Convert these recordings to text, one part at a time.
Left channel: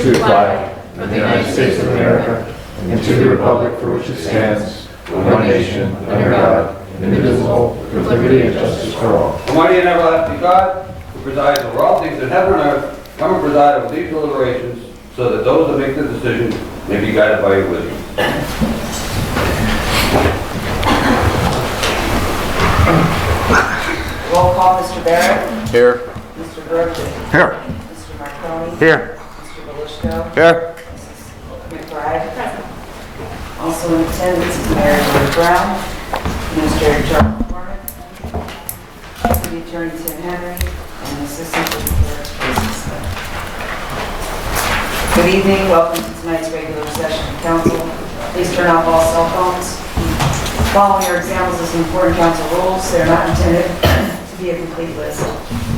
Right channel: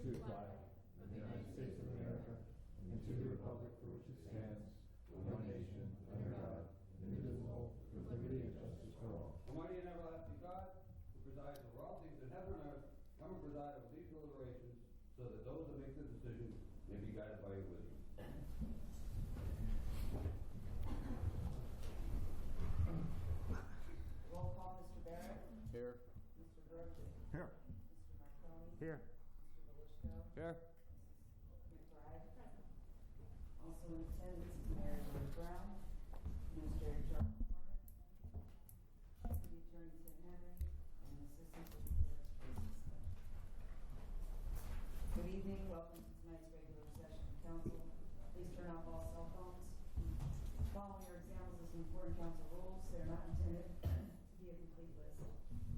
to the flag of the United States of America and to the republic for which it stands, one nation, under God, indivisible, with liberty and justice for all. Almighty and everlasting God, who presides over all things in heaven and earth, come and preside over these deliberations, so that those that make the decision may be guided by your wisdom. Roll call, Mr. Barrett. Here. Mr. Brooks. Here. Mr. Marconi. Here. Mr. Belishko. Here. Mrs. McBride. Present. Also in attendance is Mary Lou Brown, Administrator Charles McCormick, City Attorney Tim Henry, and Assistant City Clerk Tracy Smith. Good evening. Welcome to tonight's regular session of council. Please turn off all cell phones. Following are examples of some important council rules. They are not intended to be a complete list.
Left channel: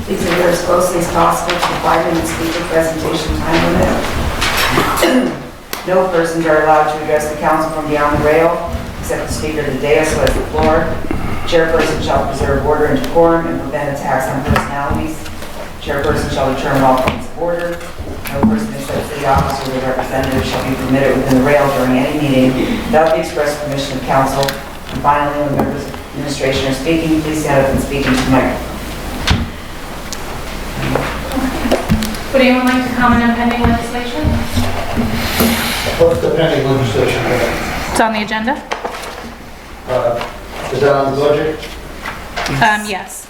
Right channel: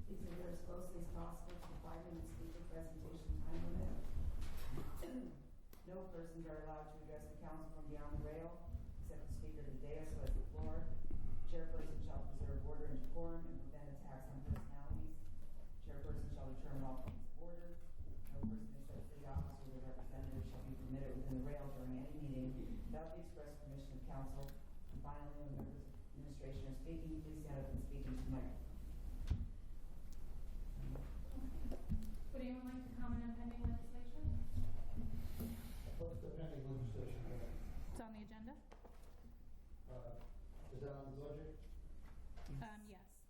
Please adhere as closely as possible to the 5-minute speaker presentation time limit. No persons are allowed to address the council from beyond the rail, except the speaker of the dais who has the floor. Chairperson shall preserve order and decorum and prevent attacks on personalities. Chairperson shall determine all points of order. No person except city officer or their representative shall be permitted within the rail during any meeting without the express permission of council. And finally, when members of administration are speaking, please stand up and speak into the microphone. Would anyone like to comment on pending legislation? What's the pending legislation? It's on the agenda? Is that on the budget? Yes.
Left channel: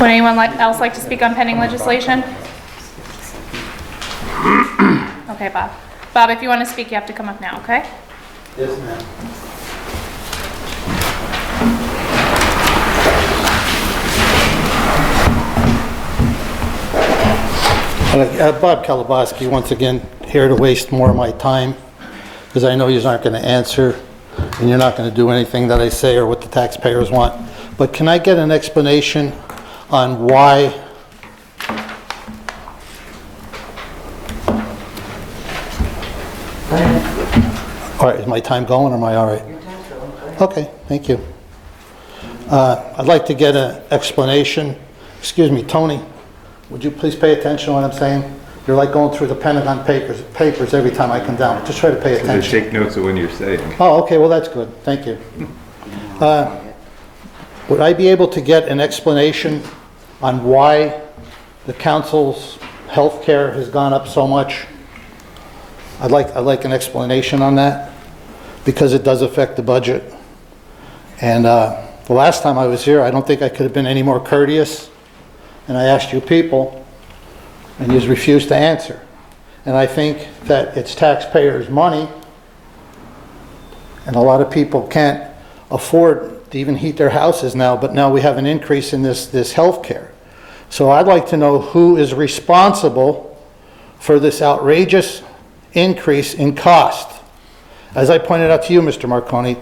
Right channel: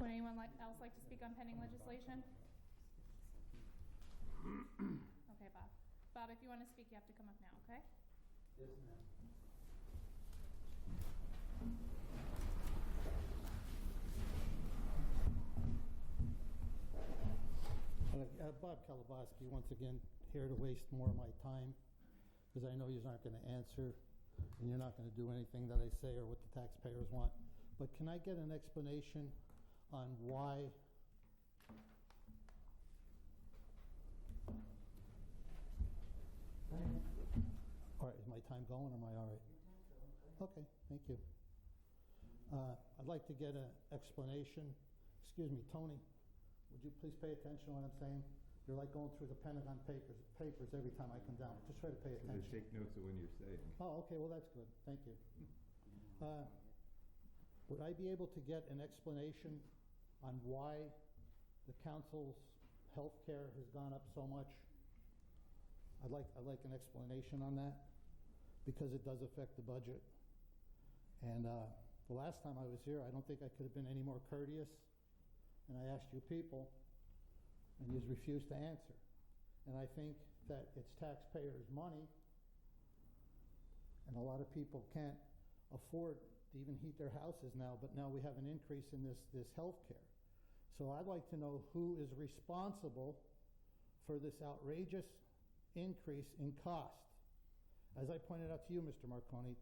Would anyone else like to speak on pending legislation? Okay, Bob. Bob, if you want to speak, you have to come up now, okay? Yes, ma'am. Bob Kalabowski, once again, here to waste more of my time, because I know you aren't going to answer, and you're not going to do anything that I say or what the taxpayers want. But can I get an explanation on why all right, is my time going or am I all right? Okay, thank you. I'd like to get an explanation. Excuse me, Tony, would you please pay attention to what I'm saying? You're like going through the Pentagon papers every time I come down. Just try to pay attention. Take notes of when you're saying. Oh, okay, well, that's good. Thank you. Would I be able to get an explanation on why the council's health care has gone up so much? I'd like an explanation on that, because it does affect the budget. And the last time I was here, I don't think I could have been any more courteous. And I asked you people, and you refused to answer. And I think that it's taxpayers' money, and a lot of people can't afford to even heat their houses now, but now we have an increase in this health care. So I'd like to know who is responsible for this outrageous increase in cost. As I pointed out to you, Mr. Marconi,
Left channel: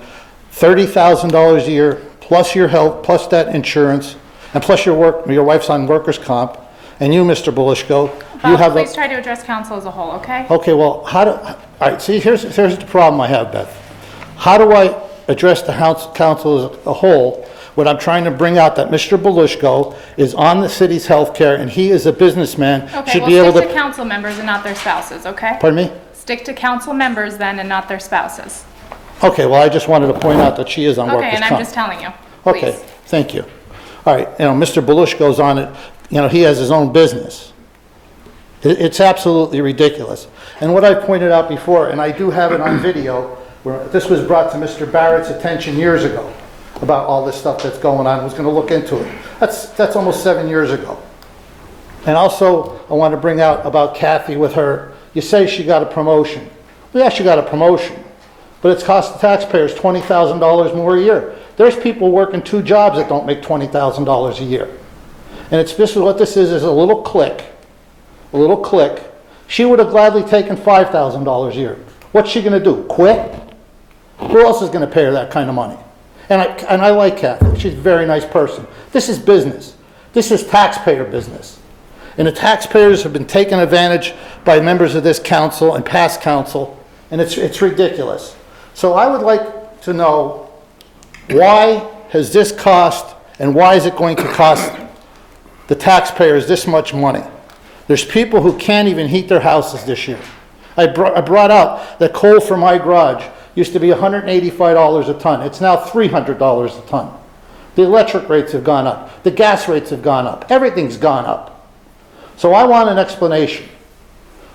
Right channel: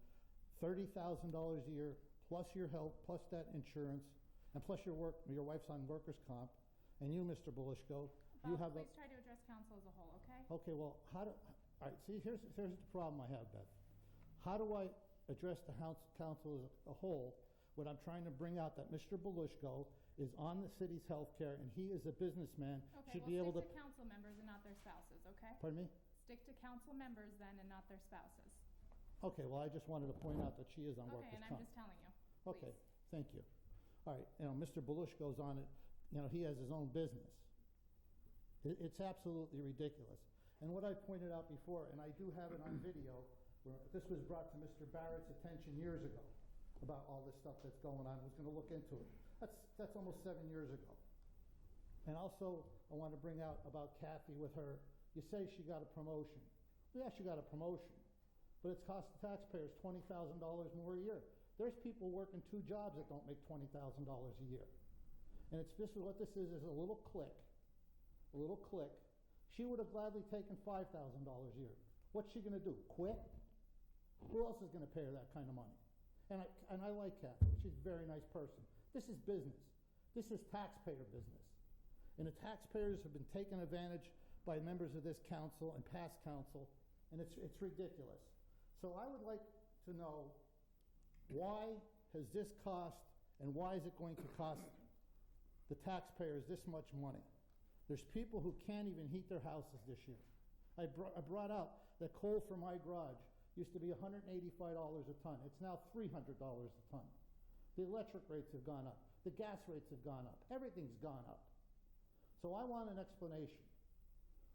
$30,000 a year, plus your health, plus that insurance, and plus your wife's on workers' comp, and you, Mr. Belishko, you have please try to address council as a whole, okay? Okay, well, all right, see, here's the problem I have, Beth. How do I address the council as a whole when I'm trying to bring out that Mr. Belishko is on the city's health care and he is a businessman, Okay, should well, be able stick to... to council members and not their spouses, okay? Pardon me? Stick to council members then and not their spouses. Okay, well, I just wanted to point out that she is on workers' Okay, comp. and I'm just telling you, Okay, please. thank you. All right, Mr. Belishko's on it, he has his own business. It's absolutely ridiculous. And what I pointed out before, and I do have it on video, where this was brought to Mr. Barrett's attention years ago about all this stuff that's going on, was going to look into it. That's almost 7 years ago. And also, I want to bring out about Kathy with her, you say she got a promotion. Well, yeah, she got a promotion, but it's cost the taxpayers $20,000 more a year. There's people working 2 jobs that don't make $20,000 a year. And this is what this is a little clique. A little clique. She would have gladly taken $5,000 a year. What's she going to do? Quit? Who else is going to pay her that kind of money? And I like Kathy. She's a very nice person. This is business. This is taxpayer business. And the taxpayers have been taken advantage by members of this council and past council, and it's ridiculous. So I would like to know why has this cost, and why is it going to cost the taxpayers this much money? There's people who can't even heat their houses this year. I brought out that coal for my garage used to be $185 a ton. It's now $300 a ton. The electric rates have gone up. The gas rates have gone up. Everything's gone up. So I want an explanation.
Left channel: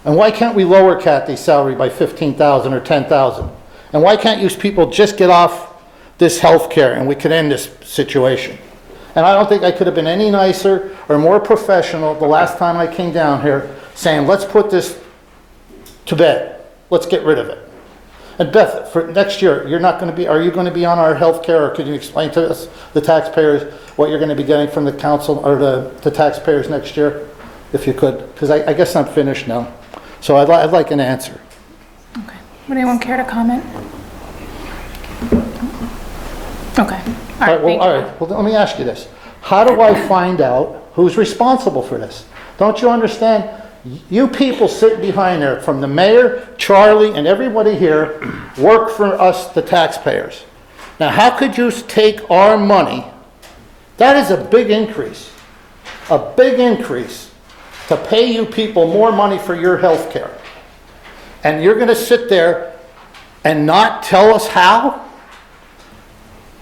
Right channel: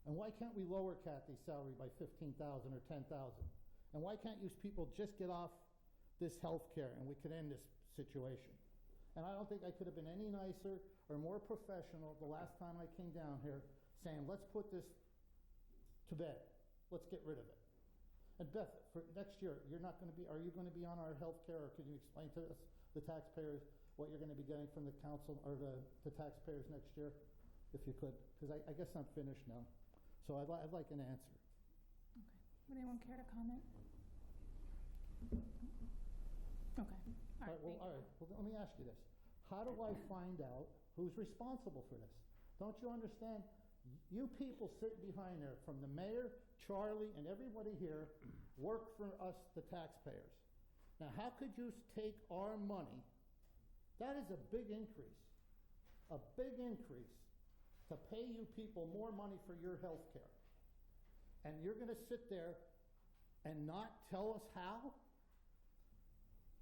And why can't we lower Kathy's salary by $15,000 or $10,000? And why can't you people just get off this health care and we can end this situation? And I don't think I could have been any nicer or more professional the last time I came down here saying, let's put this to bed. Let's get rid of it. And Beth, for next year, you're not going to be, are you going to be on our health care, or could you explain to us, the taxpayers, what you're going to be getting from the council or the taxpayers next year, if you could? Because I guess I'm finished now. So I'd like an answer. Okay. Would anyone care to comment? Okay. All right, thank you. All right. Well, let me ask you this. How do I find out who's responsible for this? Don't you understand? You people sitting behind there, from the mayor, Charlie, and everybody here, work for us, the taxpayers. Now, how could you take our money? That is a big increase to pay you people more money for your health care. And you're going to sit there and not tell us how?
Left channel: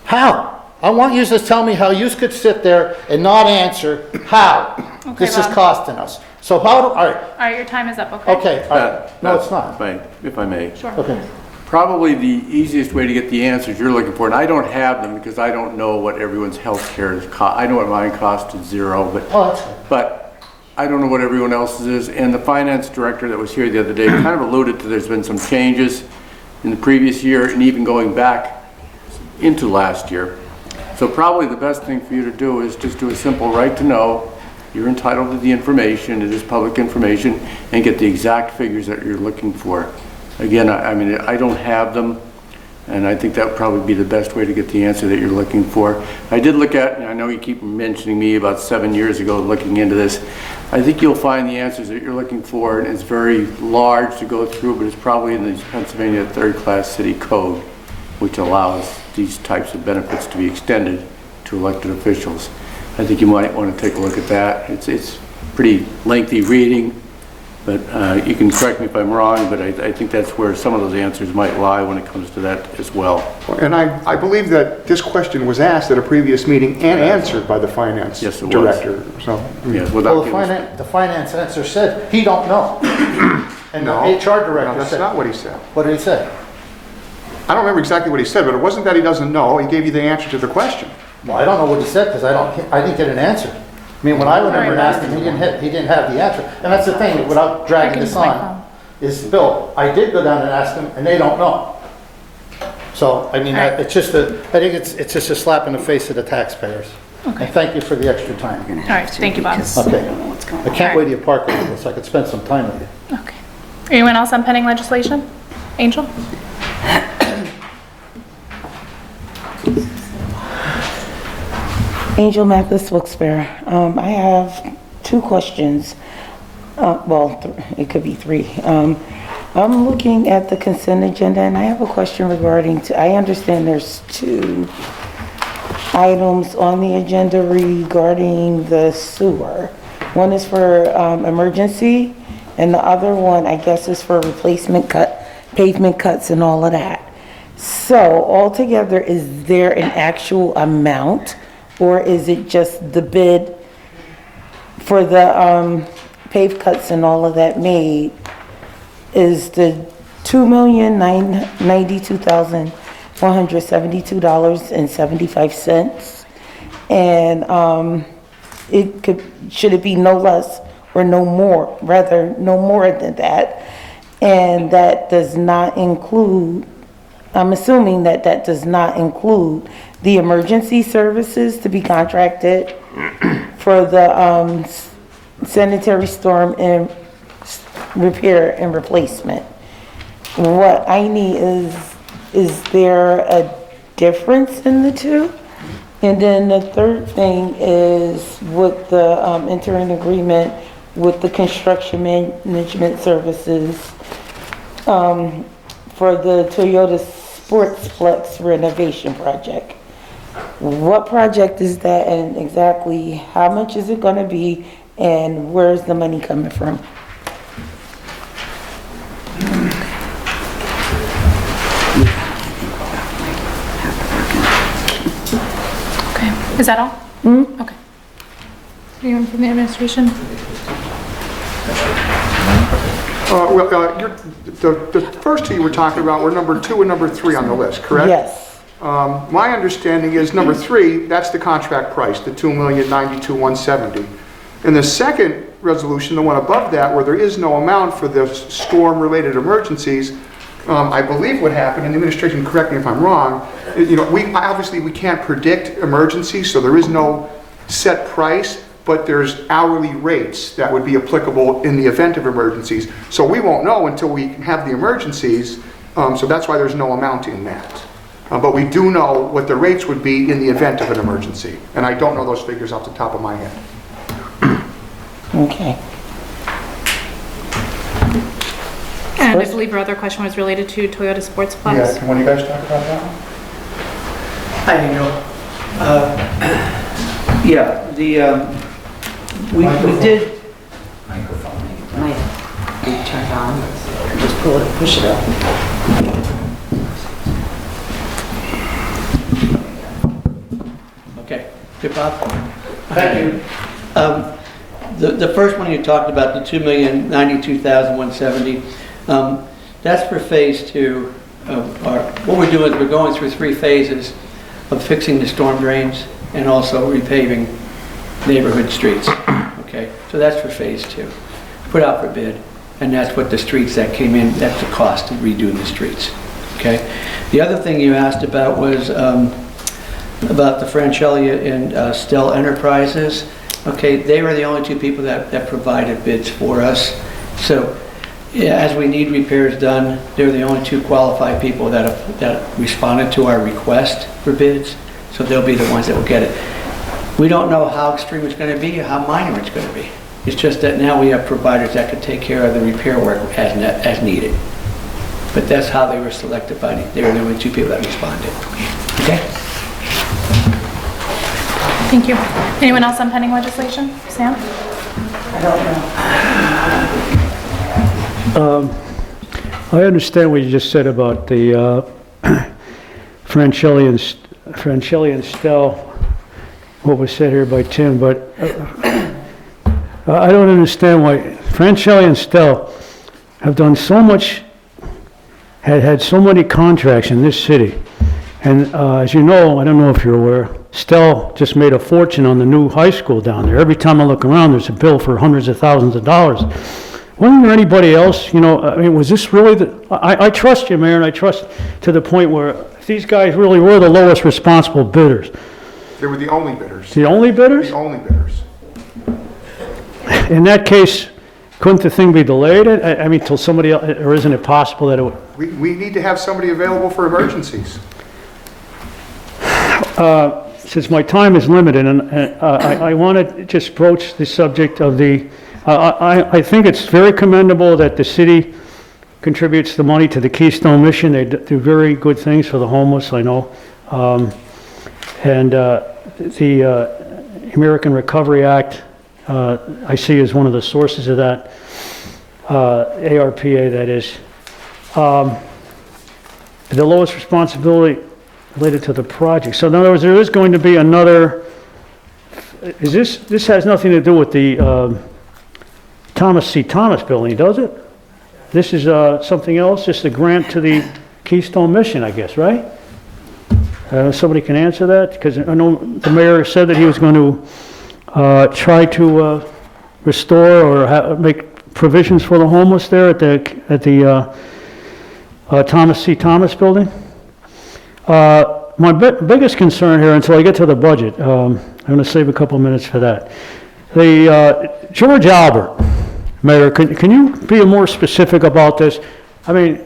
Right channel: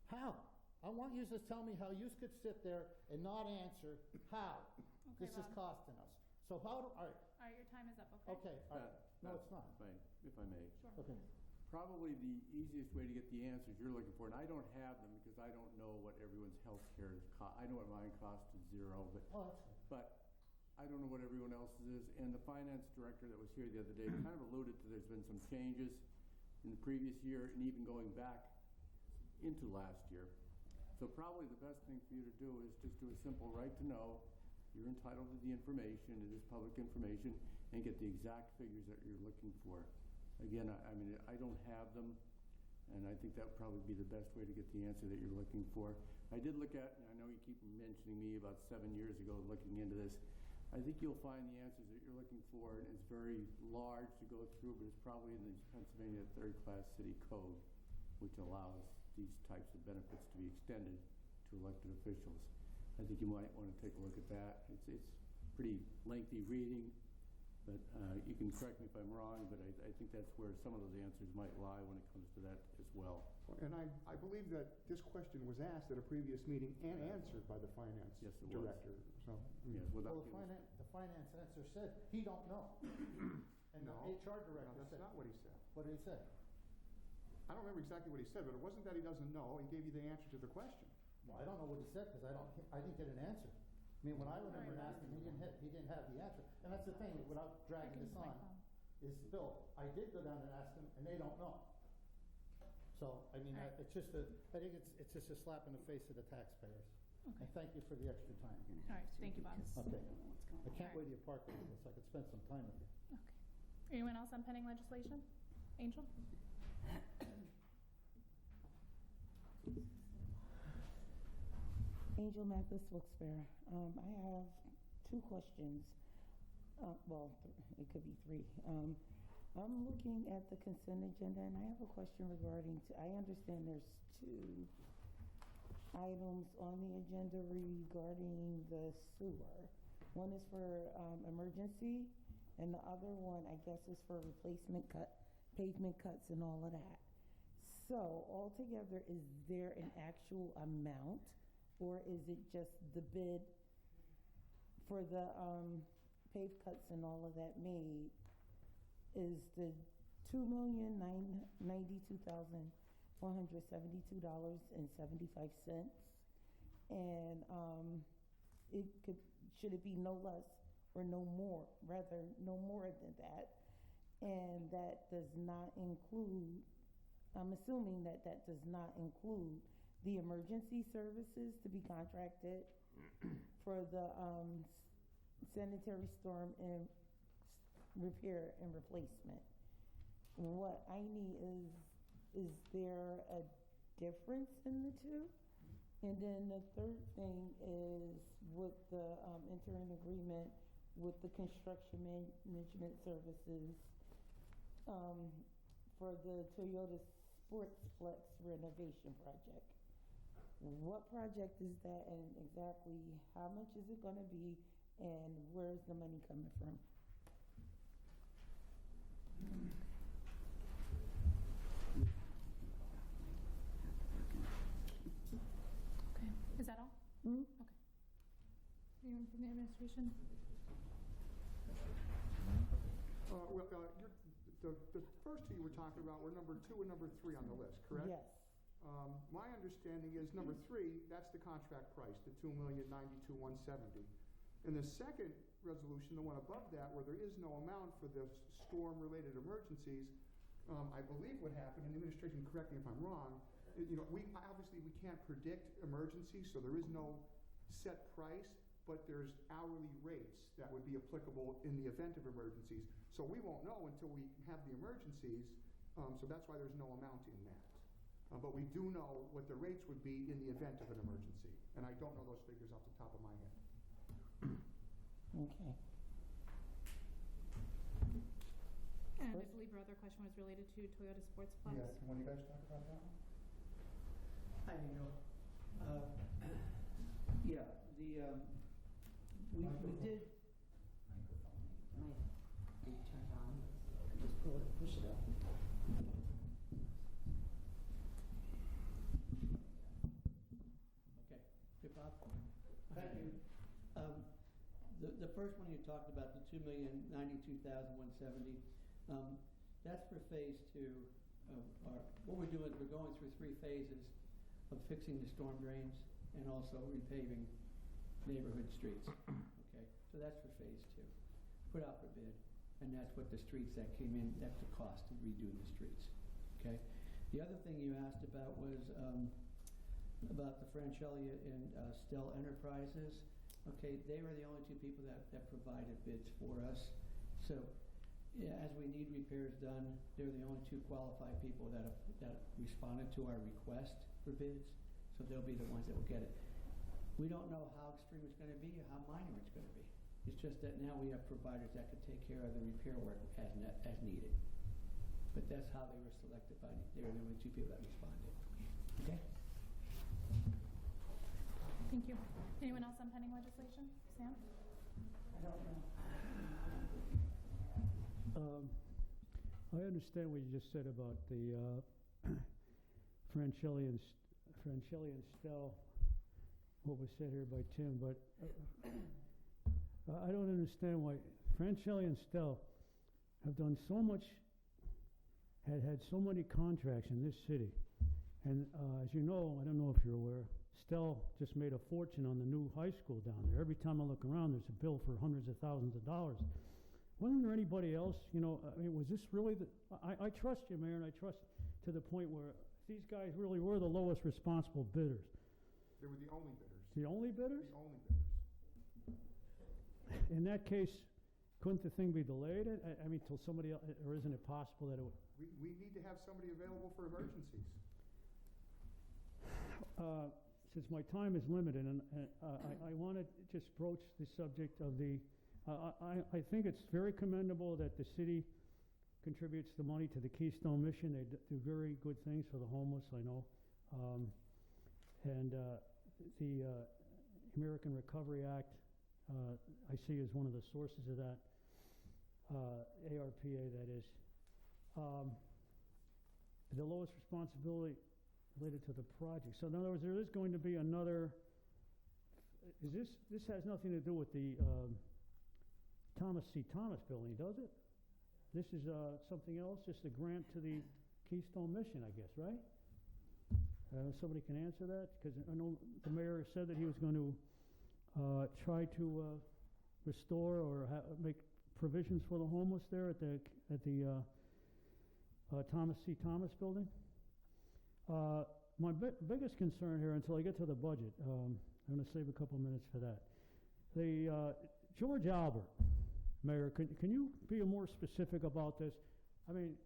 How? I want you to tell me how you could sit there and not answer how this is Bob. costing us. So how do, all right, All right, your time is up, okay? okay, all right. No, it's not. If I may. Sure. Okay. Probably the easiest way to get the answers you're looking for, and I don't have them because I don't know what everyone's health care is I know what mine cost is $0, Oh, that's good. but I don't know what everyone else's is. And the finance director that was here the other day kind of alluded to there's been some changes in the previous year and even going back into last year. So probably the best thing for you to do is just do a simple right to know. You're entitled to the information, it is public information, and get the exact figures that you're looking for. Again, I mean, I don't have them, and I think that would probably be the best way to get the answer that you're looking for. I did look at, and I know you keep mentioning me about 7 years ago looking into this, I think you'll find the answers that you're looking for, and it's very large to go through, but it's probably in the Pennsylvania third-class city code, which allows these types of benefits to be extended to elected officials. I think you might want to take a look at that. It's pretty lengthy reading, but you can correct me if I'm wrong, but I think that's where some of those answers might lie when it comes to that as well. And I believe that this question was asked at a previous meeting and answered by the finance Yes, it was. director, so. Yes, Well, without the finance answer said, he don't know. And the No. HR No, director that's said. not what he said. What did he say? I don't remember exactly what he said, but it wasn't that he doesn't know, he gave you the answer to the question. Well, I don't know what he said, because I didn't get an answer. I mean, when I went over and asked him, he didn't have the answer. And that's the thing, without I dragging can this use my on, phone. is, Bill, I did go down and ask them, and they don't know. So, I mean, Alright. it's just I think it's just a slap in the face of the taxpayers. Okay. And thank you for the extra time. All right, thank you, Bob. Okay. I can't wait till you park with us, so I could spend some time with you. Okay. Anyone else on pending legislation? Angel? Angel Mathis, Wilkes-Barre. I have two questions. It could be three. I'm looking at the consent agenda, and I have a question regarding, I understand there's two items on the agenda regarding the sewer. One is for emergency, and the other one, I guess, is for pavement cuts and all of that. So altogether, is there an actual amount, or is it just the bid for the pave cuts and all of that made is the $2,092,172.75, and should it be no less or no more, rather no more than that, and that does not include, I'm assuming that that does not include the emergency services to be contracted for the sanitary storm and repair and replacement. What I need is there a difference in the two? And then the third thing is with the entering agreement with the construction management services for the Toyota Sportsplex renovation project. what project is that, and exactly how much is it gonna be, and where's the money coming from? Okay, is that all? Okay. Anyone from the administration? The first two you were talking about were number 2 and number 3 on the list, correct? Yes. My understanding is number 3, that's the contract price, the $2,092,170. And the second resolution, the one above that, where there is no amount for the storm-related emergencies, I believe what happened, and the administration, correct me if I'm wrong, you know, obviously we can't predict emergencies, so there is no set price, but there's hourly rates that would be applicable in the event of emergencies. So we won't know until we have the emergencies, so that's why there's no amount in that. But we do know what the rates would be in the event of an emergency, and I don't know those figures off the top of my head. Okay. And I believe our other question was related to Toyota Sports Plus. Yeah, can one of you guys talk about that one? Hi, Daniel. Yeah, we did, Might be turned on. Just pull it, push it up. okay, good, Bob? Thank you. The first one you talked about, the $2,092,170, that's for phase 2 of our, what we're doing is we're going through 3 phases of fixing the storm drains and also repaving neighborhood streets. Okay, so that's for phase 2. Put out for bid, and that's what the streets that came in, that's the cost of redoing the streets. Okay, the other thing you asked about was about the Franchelia and Stell Enterprises. Okay, they were the only 2 people that provided bids for us. So yeah, as we need repairs done, they're the only 2 qualified people that responded to our request for bids. So they'll be the ones that will get it. We don't know how extreme it's going to be or how minor it's going to be. It's just that now we have providers that can take care of the repair work as needed. But that's how they were selected they were the only 2 people that responded. Okay? Thank you. Anyone else on pending legislation? Sam? I don't know. I understand what you just said about the Franchelia and Stell, what was said here by Tim, but I don't understand why Franchelia and Stell have done so much, had so many contracts in this city. And as you know, I don't know if you're aware, Stell just made a fortune on the new high school down there. Every time I look around, there's a bill for hundreds of thousands of dollars. Wasn't there anybody else, you know, I mean, was this really I trust you, Mayor, and I trust to the point where these guys really were the lowest responsible bidders. They were the only bidders. The only bidders? The only bidders. In that case, couldn't the thing be delayed? I mean, till somebody else, or isn't it possible that it would? We need to have somebody available for emergencies. Since my time is limited, and I want to just broach the subject of the, I think it's very commendable that the city contributes the money to the Keystone Mission. They do very good things for the homeless, I know. And the American Recovery Act, I see as one of the sources of that, ARPA that is. The lowest responsibility related to the project. So in other words, there is going to be another, this has nothing to do with the Thomas C. Thomas building, does it? This is something else, just a grant to the Keystone Mission, I guess, right? Somebody can answer that, because I know the mayor said that he was going to try to restore or make provisions for the homeless there at the Thomas C. Thomas building. My biggest concern here, until I get to the budget, I'm going to save a couple minutes for that. The George Albert, Mayor, can you be more specific about this? I mean,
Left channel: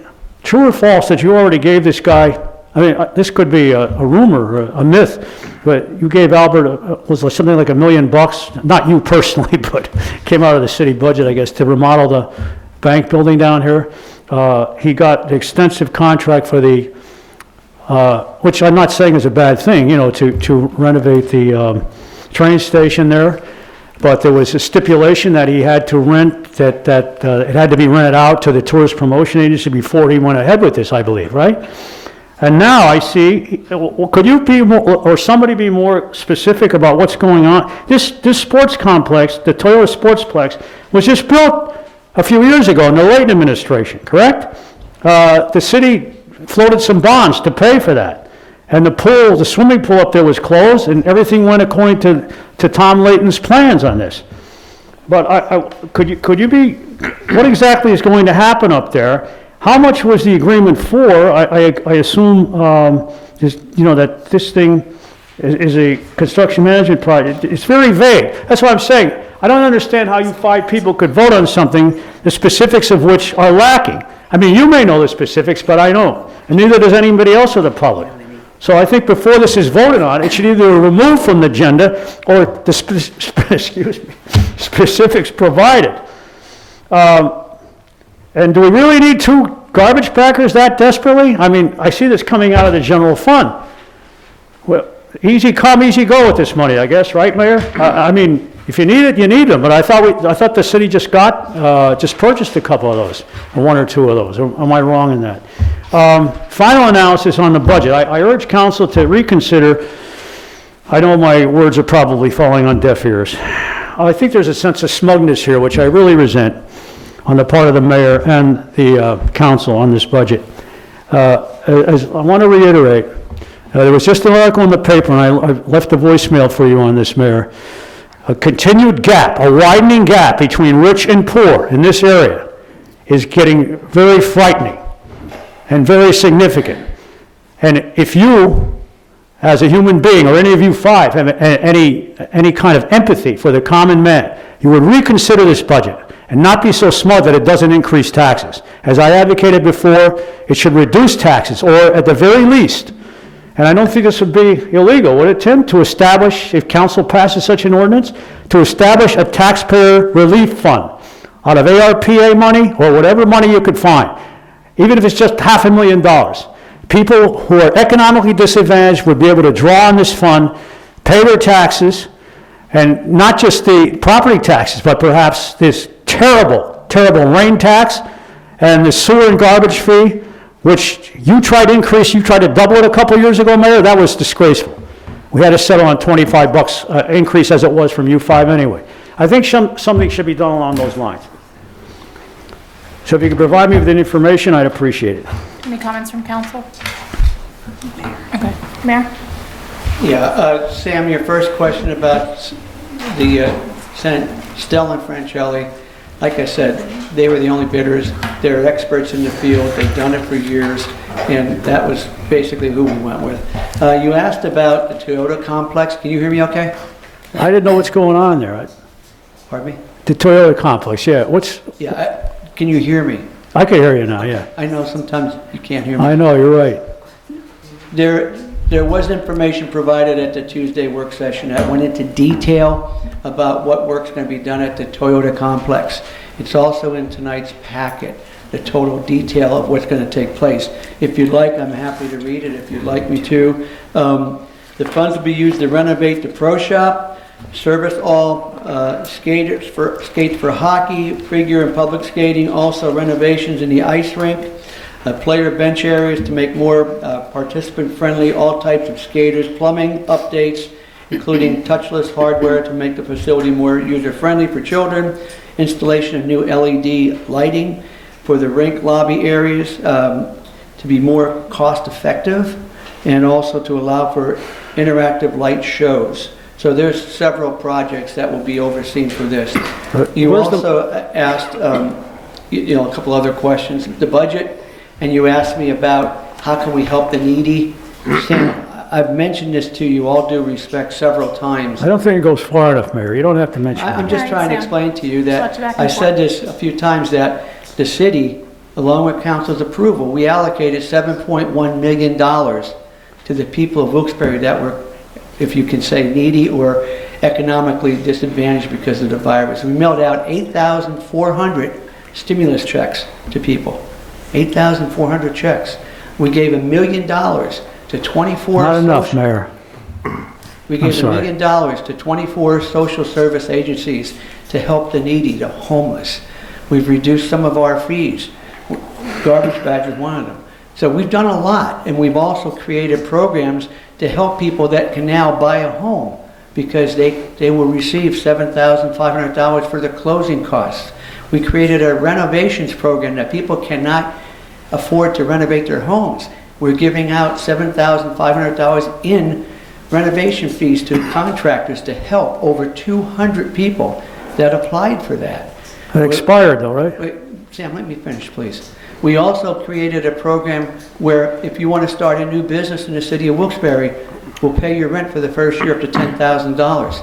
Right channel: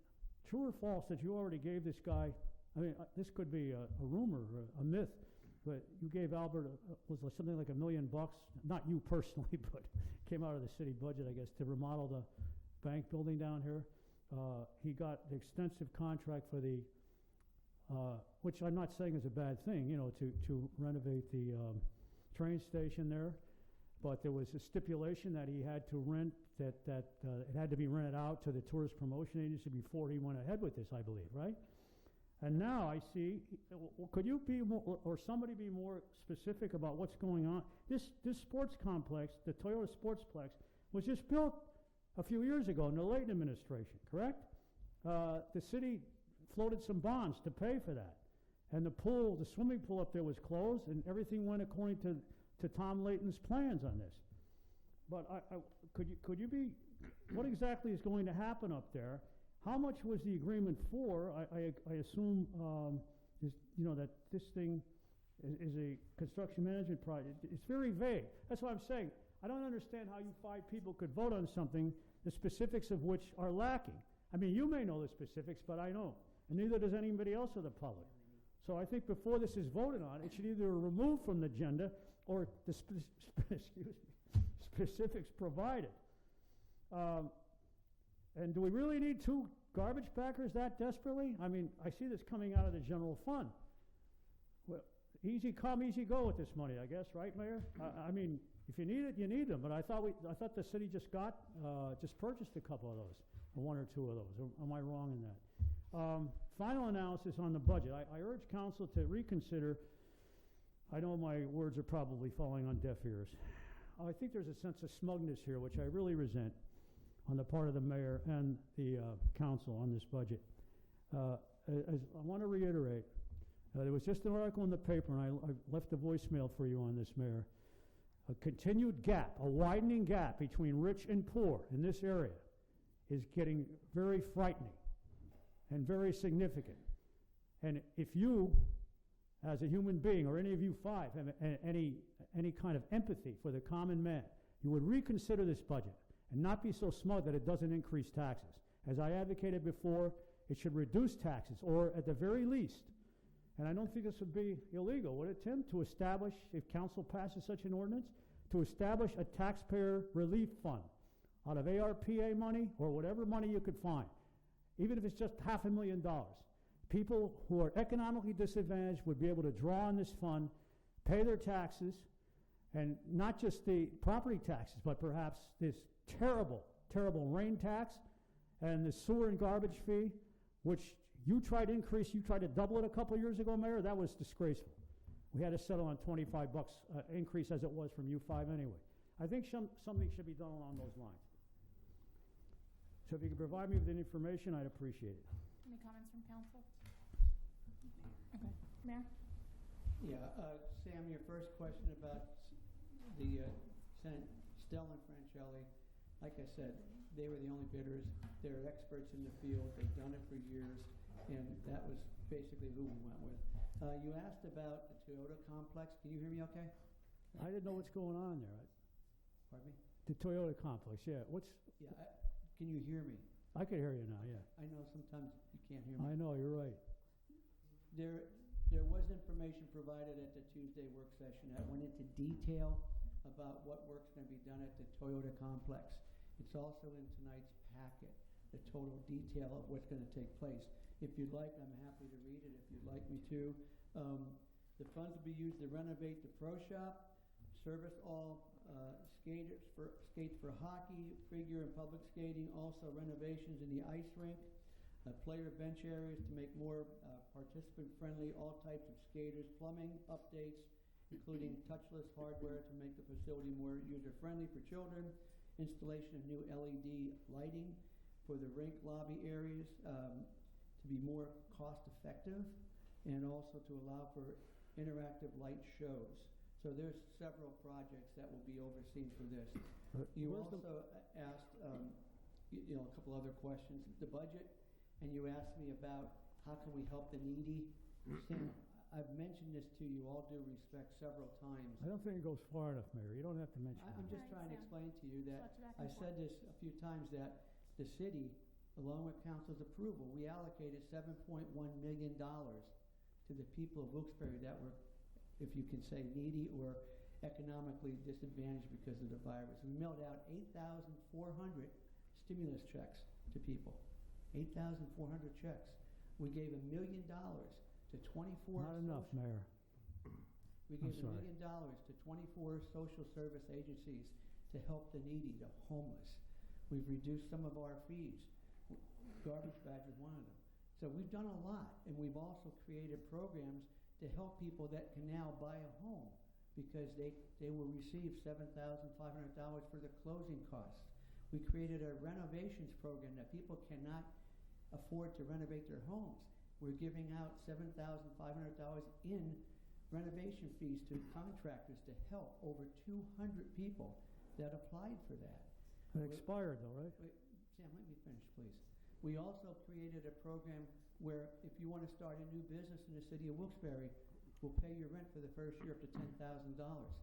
true or false that you already gave this guy, I mean, this could be a rumor or a myth, but you gave Albert, was something like $1 million, not you personally, but came out of the city budget, I guess, to remodel the bank building down here. He got the extensive contract for the which I'm not saying is a bad thing, you know, to renovate the train station there. But there was a stipulation that he had to rent, that it had to be rented out to the tourist promotion agency before he went ahead with this, I believe, right? And now I see, well, could you be more, or somebody be more specific about what's going on? This sports complex, the Toyota Sportsplex, was just built a few years ago in the Layton administration, correct? The city floated some bonds to pay for that. And the pool, the swimming pool up there was closed, and everything went according to Tom Layton's plans on this. But could you be, what exactly is going to happen up there? How much was the agreement for? I assume, just, you know, that this thing is a construction management project. It's very vague. That's what I'm saying. I don't understand how you 5 people could vote on something, the specifics of which are lacking. I mean, you may know the specifics, but I don't. And neither does anybody else of the public. So I think before this is voted on, it should either be removed from the agenda or the specifics provided. And do we really need 2 garbage packers that desperately? I mean, I see this coming out of the general fund. Well, easy come, easy go with this money, I guess, right, Mayor? I mean, if you need it, you need them. But I thought the city just purchased a couple of those, or 1 or 2 of those. Am I wrong in that? Final analysis on the budget. I urge council to reconsider. I know my words are probably falling on deaf ears. I think there's a sense of smugness here, which I really resent, on the part of the mayor and the council on this budget. As I want to reiterate, there was just an article in the paper, and I left a voicemail for you on this, Mayor. A continued gap, a widening gap between rich and poor in this area is getting very frightening and very significant. And if you, as a human being, or any of you 5, have any kind of empathy for the common man, you would reconsider this budget and not be so smart that it doesn't increase taxes. As I advocated before, it should reduce taxes, or at the very least, and I don't think this would be illegal, would it, Tim, to establish, if council passes such an ordinance, to establish a taxpayer relief fund out of ARPA money or whatever money you could find, even if it's just $500,000. People who are economically disadvantaged would be able to draw on this fund, pay their taxes, and not just the property taxes, but perhaps this terrible, terrible rain tax and the sewer and garbage fee, which you tried to increase, you tried to double it a couple years ago, Mayor. That was disgraceful. We had to settle on $25 increase as it was from U5 anyway. I think something should be done along those lines. So if you could provide me with the information, I'd appreciate it. Any comments from council? Okay, Mayor? Yeah, Sam, your first question about the Senate Stell and Francelli, like I said, they were the only bidders. They're experts in the field. They've done it for years, and that was basically who we went with. You asked about the Toyota complex. Can you hear me okay? I didn't know what's going on there. Pardon me? The Toyota complex, yeah. Yeah, can you hear me? I can hear you now, yeah. I know sometimes you can't hear me. I know, you're right. There was information provided at the Tuesday work session that went into detail about what work's going to be done at the Toyota complex. It's also in tonight's packet, the total detail of what's going to take place. If you'd like, I'm happy to read it if you'd like me to. The funds will be used to renovate the pro shop, service all skates for hockey, figure and public skating, also renovations in the ice rink, player bench areas to make more participant-friendly, all types of skaters, plumbing updates, including touchless hardware to make the facility more user-friendly for children, installation of new LED lighting for the rink lobby areas to be more cost-effective, and also to allow for interactive light shows. So there's several projects that will be overseen for this. You also asked a couple other questions. The budget, and you asked me about how can we help the needy. Sam, I've mentioned this to you, all due respect, several times. I don't think it goes far enough, Mayor. You don't have to mention I'm it. just trying to explain to you that I said this a few times, that the city, along with council's approval, we allocated $7.1 million to the people of Wilkes-Barre that were, if you can say, needy or economically disadvantaged because of the virus. We mailed out 8,400 stimulus checks to people. 8,400 checks. We gave $1 million to 24... Not enough, Mayor. We I'm gave $1 sorry. million to 24 social service agencies to help the needy, the homeless. We've reduced some of our fees. Garbage badge is one of them. So we've done a lot, and we've also created programs to help people that can now buy a home because they will receive $7,500 for the closing costs. We created a renovations program that people cannot afford to renovate their homes. We're giving out $7,500 in renovation fees to contractors to help over 200 people that applied for that. It expired though, right? Wait, Sam, let me finish, please. We also created a program where if you want to start a new business in the city of Wilkes-Barre, we'll pay your rent for the first year up to $10,000.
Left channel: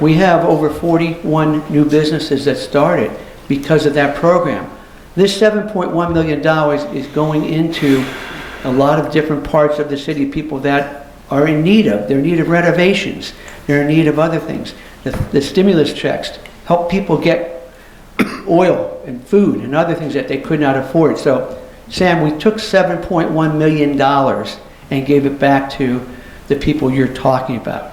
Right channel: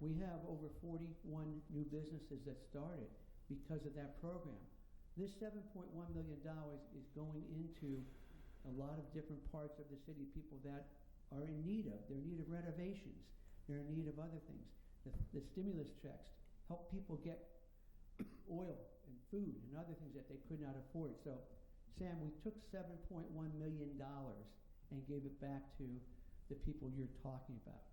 We have over 41 new businesses that started because of that program. This $7.1 million is going into a lot of different parts of the city, people that are in need of. They're in need of renovations. They're in need of other things. The stimulus checks help people get oil and food and other things that they could not afford. So, Sam, we took $7.1 million and gave it back to the people you're talking about.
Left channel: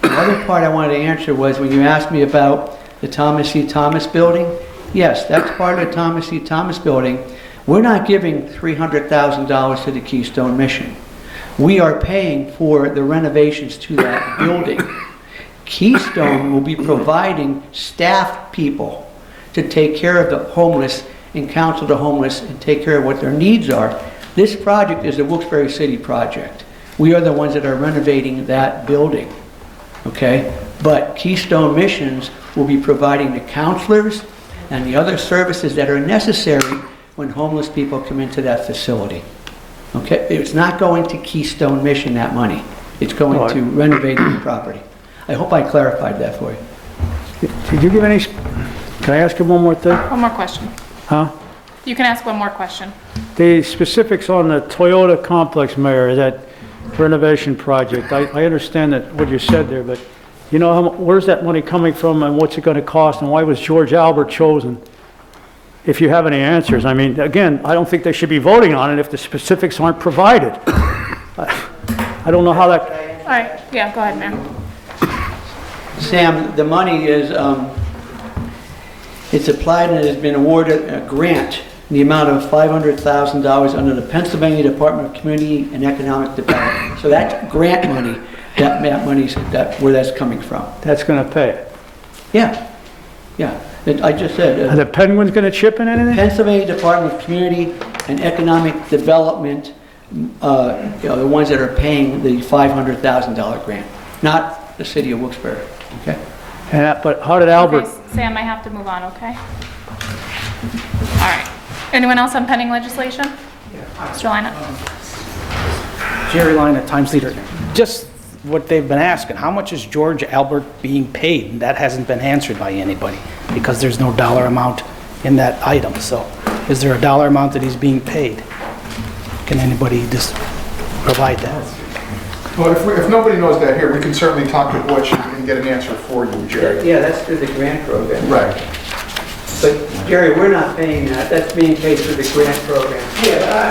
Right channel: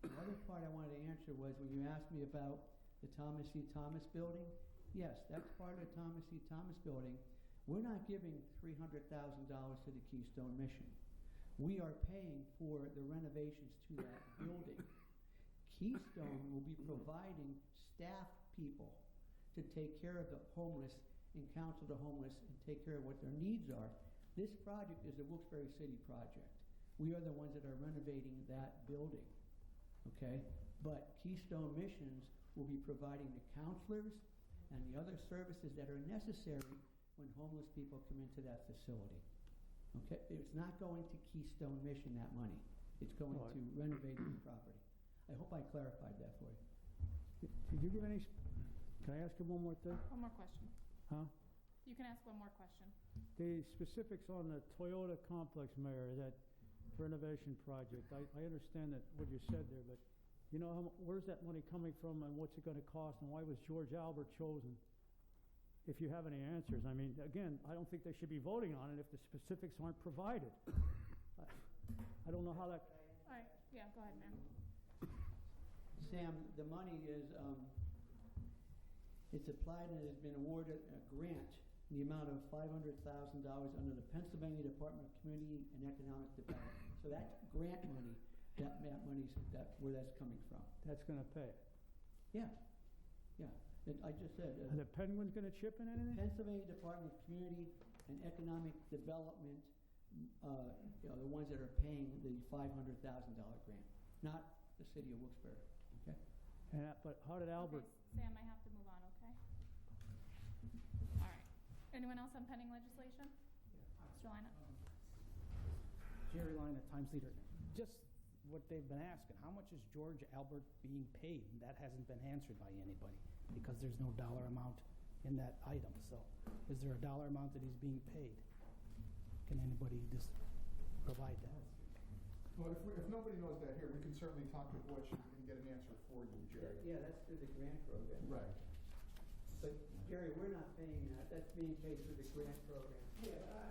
The other part I wanted to answer was when you asked me about the Thomas C. Thomas building. Yes, that's part of the Thomas C. Thomas building. We're not giving $300,000 to the Keystone Mission. We are paying for the renovations to that building. Keystone will be providing staff people to take care of the homeless and counsel the homeless and take care of what their needs are. This project is a Wilkes-Barre City project. We are the ones that are renovating that building, okay? But Keystone Missions will be providing the counselors and the other services that are necessary when homeless people come into that facility. Okay? It's not going to Keystone Mission, that money. It's going to renovating the property. I hope I clarified that for you. Did you give any, can I ask you one more thing? One more question. Huh? You can ask one more question. The specifics on the Toyota complex, Mayor, that renovation project, I understand that what you said there, but you know, where's that money coming from and what's it going to cost and why was George Albert chosen? If you have any answers. I mean, again, I don't think they should be voting on it if the specifics aren't provided. I don't know how that... All right, yeah, go ahead, Mayor. Sam, the money is, it's applied and it has been awarded a grant in the amount of $500,000 under the Pennsylvania Department of Community and Economic Development. So that's grant money, that money's where that's coming from. That's going to pay it. Yeah, yeah. I just said. Are the Penguins going to chip in anything? Pennsylvania Department of Community and Economic Development, the ones that are paying the $500,000 grant, not the city of Wilkes-Barre. Okay. But how did Albert? Okay, Sam, I have to move on, okay? All right. Anyone else on pending legislation? Mr. Lina? Jerry Lina, Times Leader. Just what they've been asking, how much is George Albert being paid? And that hasn't been answered by anybody because there's no dollar amount in that item. So is there a dollar amount that he's being paid? Can anybody just provide that? Well, if nobody knows that here, we can certainly talk to Butch and get an answer for you, Jerry. Yeah, that's through the grant program. Right. But Jerry, we're not paying that. That's being paid through the grant program. Yeah,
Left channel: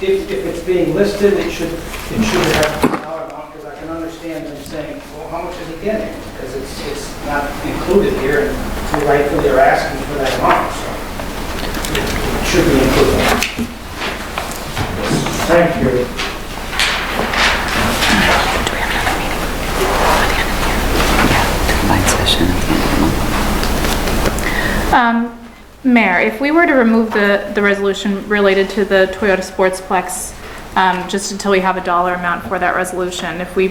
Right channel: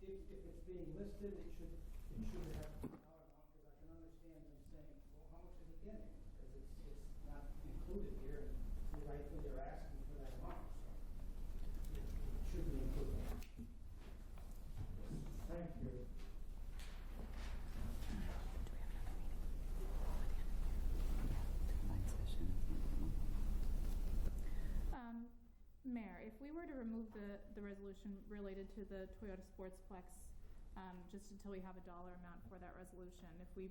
if it's being listed, it should have a dollar amount because I can understand them saying, well, how much is he getting? Because it's not included here and rightfully they're asking for that amount. So it should be included. Thank you. Mayor, if we were to remove the resolution related to the Toyota Sportsplex, just until we have a dollar amount for that resolution, if we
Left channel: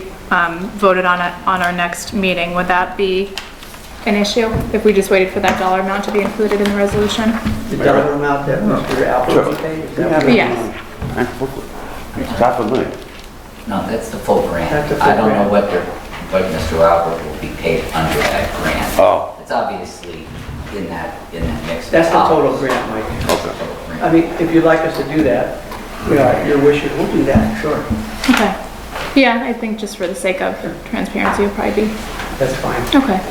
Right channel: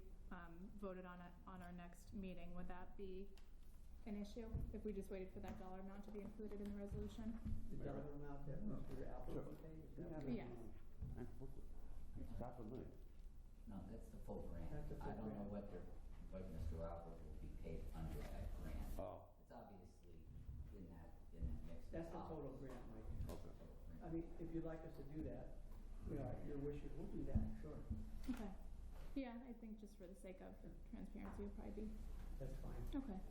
voted on it on our next meeting, would that be an issue? If we just waited for that dollar amount to be included in the resolution? The dollar amount that Mr. Albert paid? Is that what- Yes. Half a million. No, that's the full grant. That's the full I don't know grant. what Mr. Albert will be paid under that grant. Oh. It's obviously in that mix. of That's the total dollars. grant, Mike. That's the total grant. I mean, if you'd like us to do that, your wishes, we'll do that, sure. Okay. Yeah, I think just for the sake of transparency, it'll probably be, That's fine. okay.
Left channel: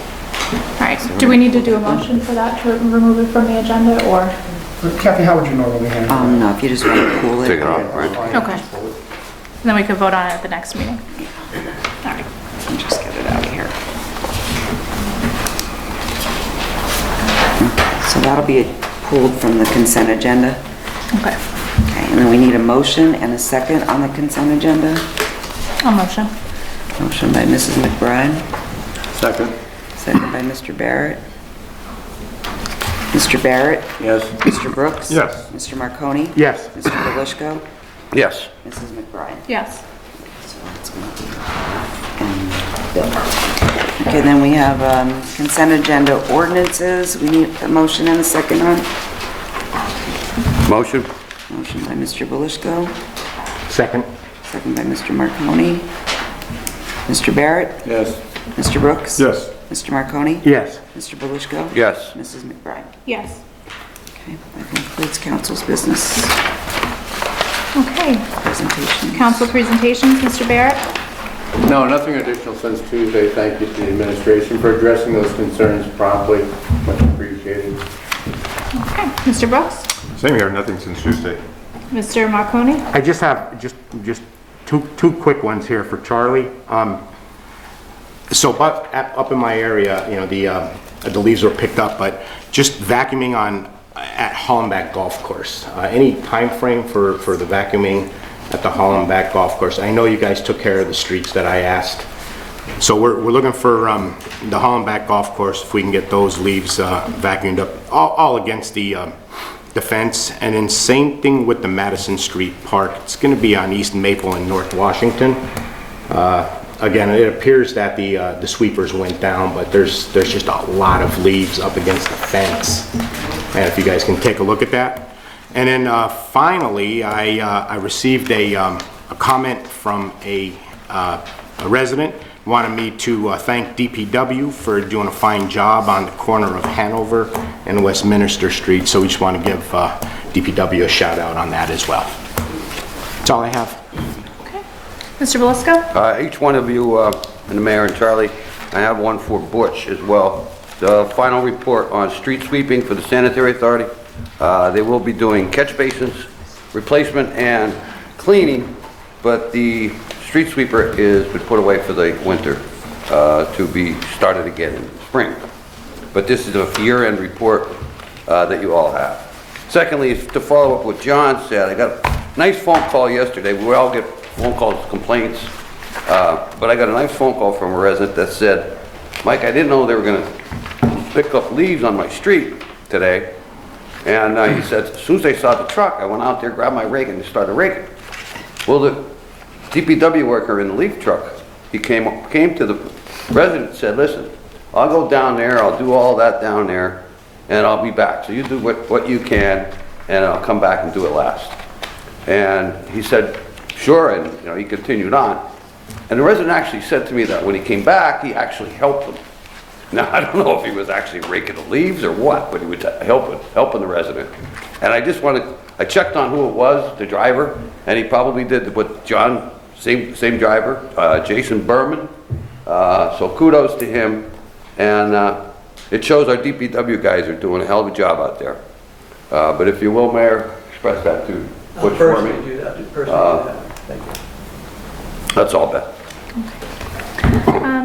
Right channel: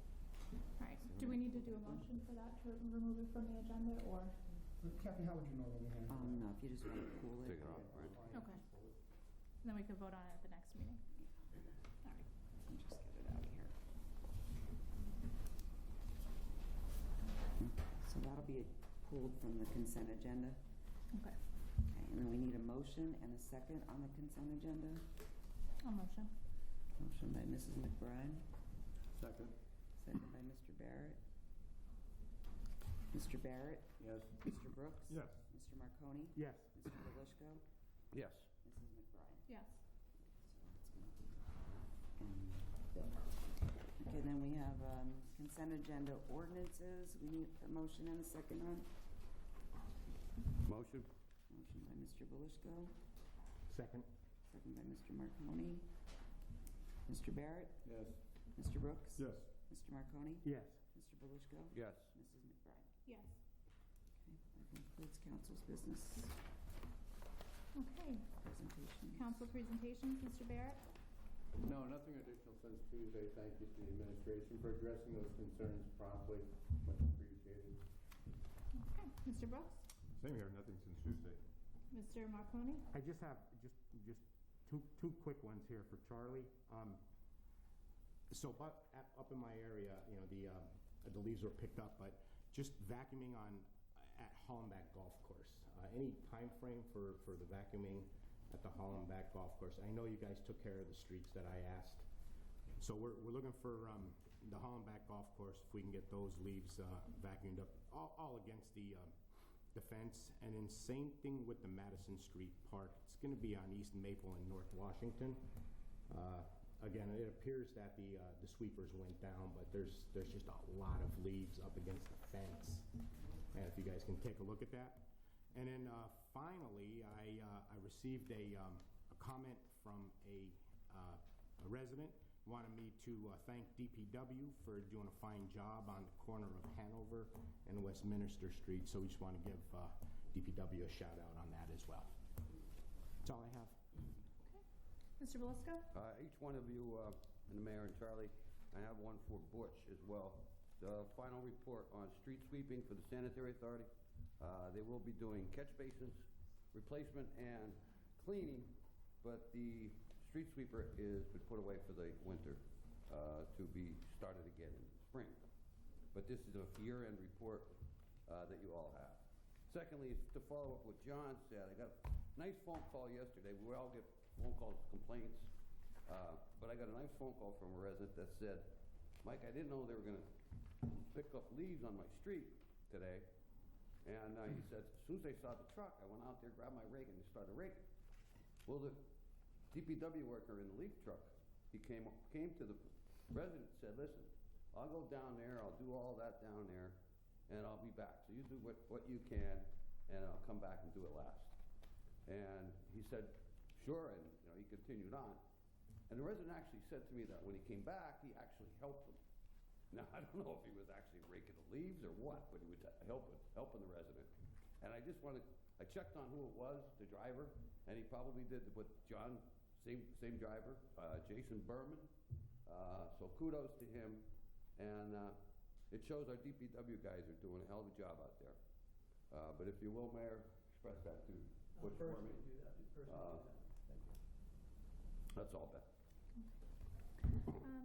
All right, do we need to do a motion for that to remove it from the agenda, or? Kathy, how would you normally handle that? No, if you just want to pull it. Take it off, right? Okay. then we could vote on it at the next meeting. All right, let me just get it out of here. So that'll be pulled from the consent agenda. Okay. Okay, and then we need a motion and a second on the consent agenda. I'll motion. Motion by Mrs. McBride, Second. second by Mr. Barrett. Mr. Barrett? Yes. Mr. Brooks? Yes. Mr. Marconi? Yes. Mr. Belishko? Yes. Mrs. McBride? Yes. So that's going to be, and Bill. Okay, then we have consent agenda ordinances. We need a motion and a second on. Motion? Motion by Mr. Belishko, Second. second by Mr. Marconi. Mr. Barrett? Yes. Mr. Brooks? Yes. Mr. Marconi? Yes. Mr. Belishko? Yes. Mrs. McBride? Yes. Okay, that concludes council's business Okay. presentation. Council presentations, Mr. Barrett? No, nothing additional since Tuesday. Thank you to the administration for addressing those concerns promptly. Much appreciated. Okay. Mr. Brooks? Same here, nothing since Tuesday. Mr. Marconi? I just have just two quick ones here for Charlie. So up in my area, you know, the leaves were picked up, but just vacuuming at Hollenbach Golf Course. Any time frame for the vacuuming at the Hollenbach Golf Course? I know you guys took care of the streets that I asked. So we're looking for the Hollenbach Golf Course, if we can get those leaves vacuumed up, all against the fence. And then same thing with the Madison Street Park. It's going to be on East Maple and North Washington. Again, it appears that the sweepers went down, but there's just a lot of leaves up against the fence. And if you guys can take a look at that. And then finally, I received a comment from a resident. Wanted me to thank DPW for doing a fine job on the corner of Hanover and Westminster Street. So we just want to give DPW a shout out on that as well. That's all I have. Okay. Mr. Belishko? Each one of you, and the mayor and Charlie, I have one for Butch as well. The final report on street sweeping for the sanitary authority. They will be doing catch basins, replacement and cleaning, but the street sweeper is been put away for the winter to be started again in spring. But this is a year-end report that you all have. Secondly, to follow up what John said, I got a nice phone call yesterday. We all get phone calls, complaints, but I got a nice phone call from a resident that said, Mike, I didn't know they were going to pick up leaves on my street today. And he said, as soon as they saw the truck, I went out there, grabbed my rake, and started raking. Well, the DPW worker in the leaf truck, he came to the resident and said, listen, I'll go down there, I'll do all that down there, and I'll be back. So you do what you can, and I'll come back and do it last. And he said, sure, and you know, he continued on. And the resident actually said to me that when he came back, he actually helped them. Now, I don't know if he was actually raking the leaves or what, but he was helping the resident. And I checked on who it was, the driver, and he probably did what John, same driver, Jason Berman. So kudos to him. And it shows our DPW guys are doing a hell of a job out there. But if you will, Mayor, express that to Butch for me. Personally do that, personally do that. Thank you. That's all, Beth.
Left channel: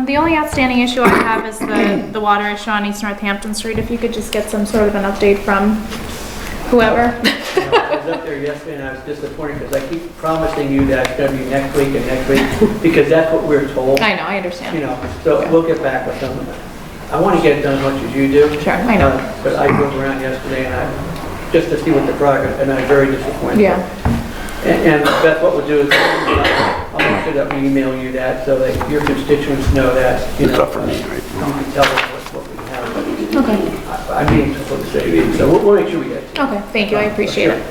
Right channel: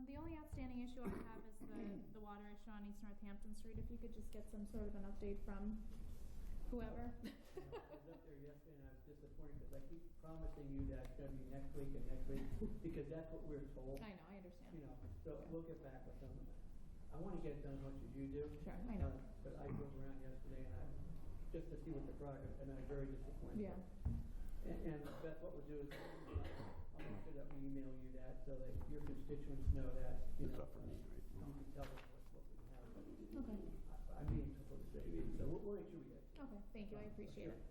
The only outstanding issue I have is the water issue on East Northampton Street. If you could just get some sort of an update from whoever. I was up there yesterday and I was disappointed because I keep promising you that it's going to be next week and next week because that's what we're told. I know, I understand. You know, so we'll get back with them. I want to get it done as much as you do. Sure, I know. But I drove around yesterday and just to see what the progress, and I'm very disappointed. Yeah. And Beth, what we'll do is I'll make sure that we email you that so that your constituents know that, you know. It's up for me, right? You can tell us what we have. Okay. I'm being supposed to say, so we'll make sure we get it. Okay, thank you, I appreciate it.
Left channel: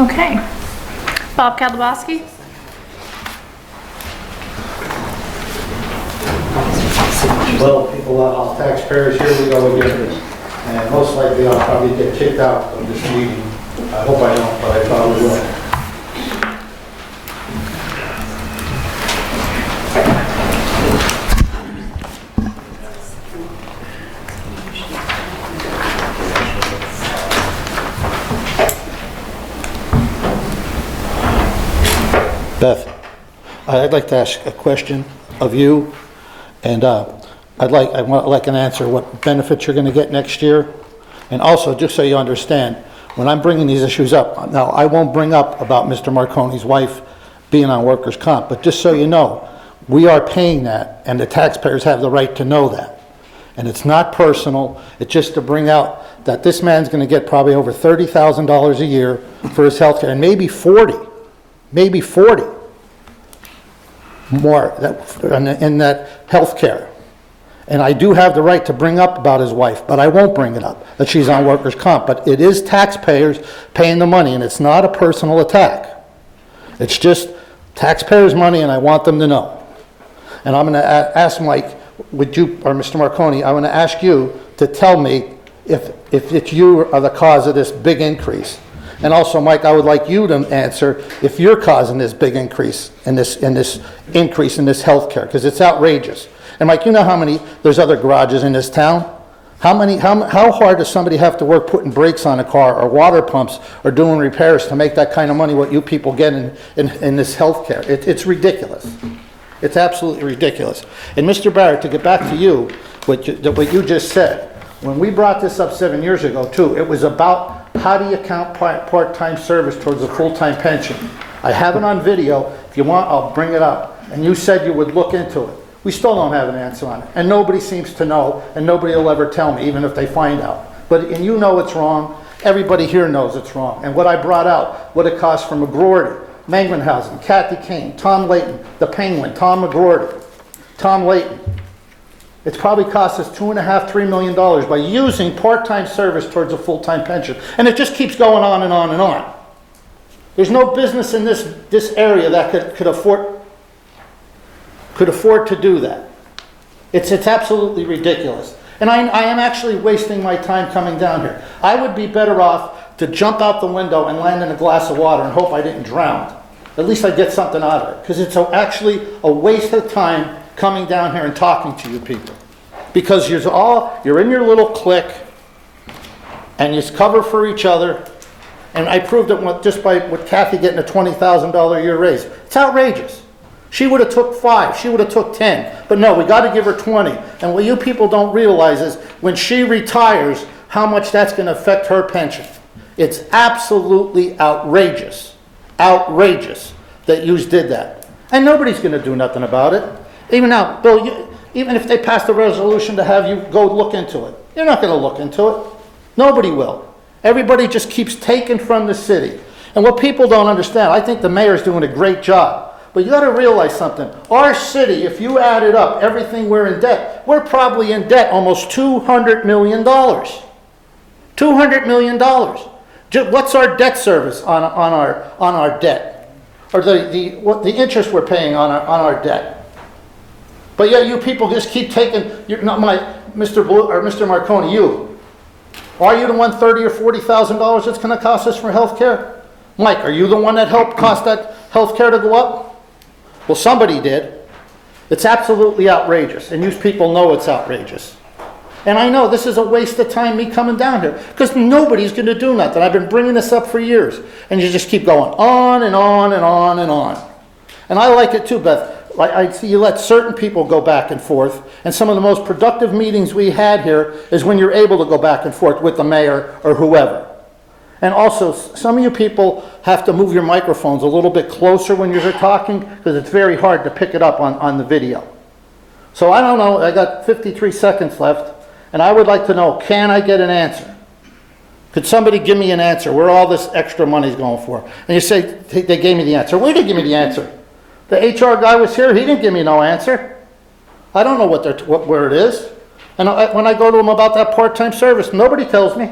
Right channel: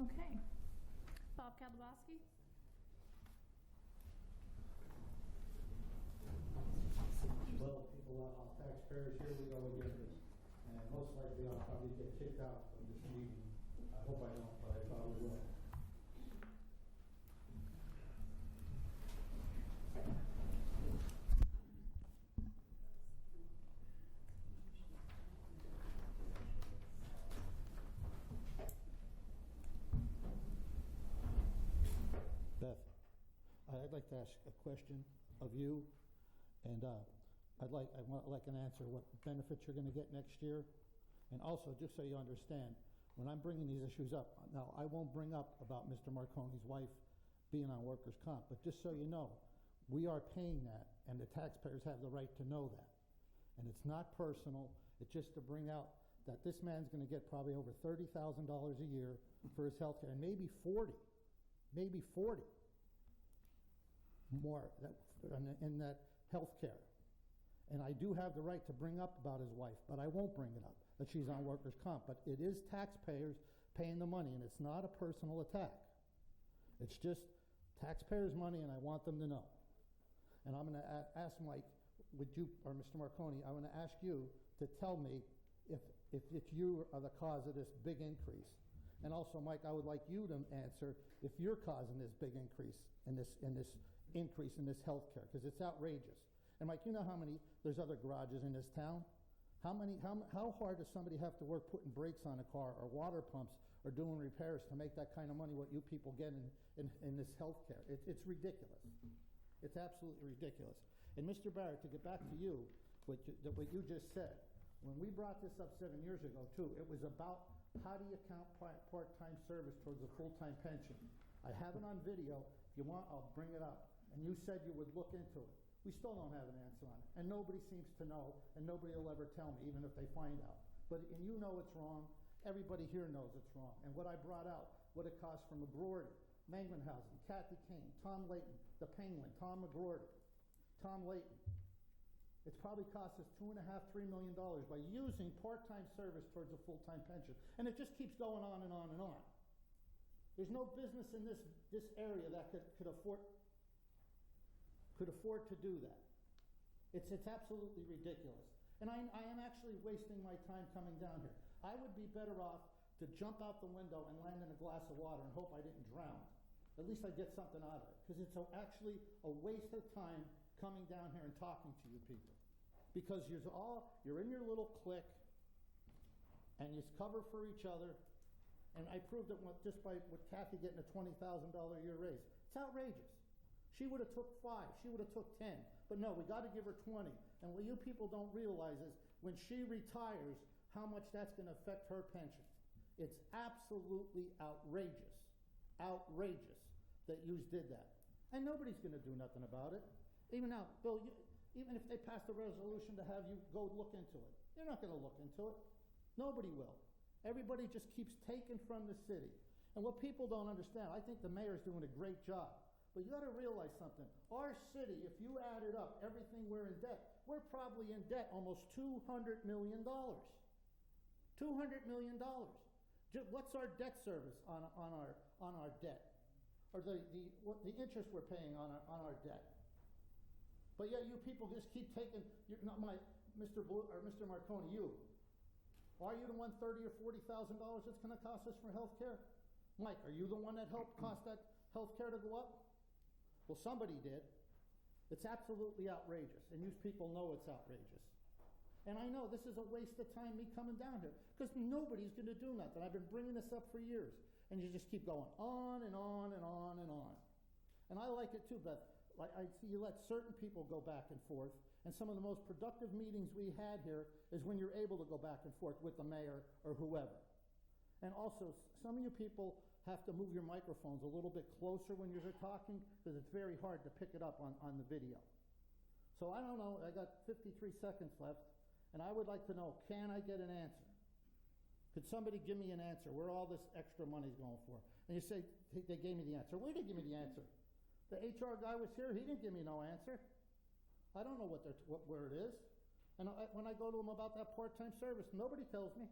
Okay. Bob Kalabowski? Well, people, all taxpayers, here we go again. And most likely I'll probably get kicked out of this meeting. I hope I don't, but I probably will. Beth. I'd like to ask a question of you, and I want like an answer, what benefits you're going to get next year. And also, just so you understand, when I'm bringing these issues up, now, I won't bring up about Mr. Marconi's wife being on workers' comp, but just so you know, we are paying that, and the taxpayers have the right to know that. And it's not personal, it's just to bring out that this man's going to get probably over $30,000 a year for his health care, and maybe 40 more in that health care. And I do have the right to bring up about his wife, but I won't bring it up, that she's on workers' comp. But it is taxpayers paying the money, and it's not a personal attack. It's just taxpayers' money, and I want them to know. And I'm going to ask Mike, would you, or Mr. Marconi, I want to ask you to tell me if it's you are the cause of this big increase. And also, Mike, I would like you to answer if you're causing this big increase in this increase in this health care, because it's outrageous. And Mike, you know how many, there's other garages in this town? How hard does somebody have to work putting brakes on a car or water pumps or doing repairs to make that kind of money what you people get in this health care? It's ridiculous. It's absolutely ridiculous. And Mr. Barrett, to get back to you, what you just said, when we brought this up 7 years ago too, it was about how do you count part-time service towards a full-time pension. I have it on video. If you want, I'll bring it up. And you said you would look into it. We still don't have an answer on it. And nobody seems to know, and nobody will ever tell me, even if they find out. And you know it's wrong. Everybody here knows it's wrong. And what I brought out, what it costs for McGroarty, Mangmanhausen, Kathy Kane, Tom Layton, the Penguin, Tom McGroarty, Tom Layton. It's probably cost us $2.5, $3 million by using part-time service towards a full-time pension. And it just keeps going on and on and on. There's no business in this area that could afford to do that. It's absolutely ridiculous. And I am actually wasting my time coming down here. I would be better off to jump out the window and land in a glass of water and hope I didn't drown. At least I get something out of it. Because it's actually a waste of time coming down here and talking to you people. Because you're in your little clique and you cover for each other. And I proved it just by with Kathy getting a $20,000 a year raise. It's outrageous. She would have took 5, she would have took 10. But no, we got to give her 20. And what you people don't realize is when she retires, how much that's going to affect her pension. It's absolutely outrageous. Outrageous that you did that. And nobody's going to do nothing about it. Even now, Bill, even if they passed a resolution to have you go look into it, you're not going to look into it. Nobody will. Everybody just keeps taking from the city. And what people don't understand, I think the mayor's doing a great job. But you got to realize something. Our city, if you added up everything we're in debt, we're probably in debt almost $200 million. $200 million. What's our debt service on our debt? Or the interest we're paying on our debt? But yet you people just keep taking. You're not Mr. Blue or Mr. Marconi. You are you the one $30,000 or $40,000 that's going to cost us for health care? Mike, are you the one that helped cost that health care to go up? Well, somebody did. It's absolutely outrageous, and you people know it's outrageous. And I know this is a waste of time, me coming down here, because nobody's going to do nothing. I've been bringing this up for years, and you just keep going on and on and on and on. And I like it too, Beth. I see you let certain people go back and forth, and some of the most productive meetings we had here is when you're able to go back and forth with the mayor or whoever. And also, some of you people have to move your microphones a little bit closer when you're talking, because it's very hard to pick it up on the video. So I don't know, I got 53 seconds left, and I would like to know, can I get an answer? Could somebody give me an answer where all this extra money is going for? And you say, they gave me the answer. Where did they give me the answer? The HR guy was here, he didn't give me no answer. I don't know where it is. And when I go to him about that part-time service, nobody tells me.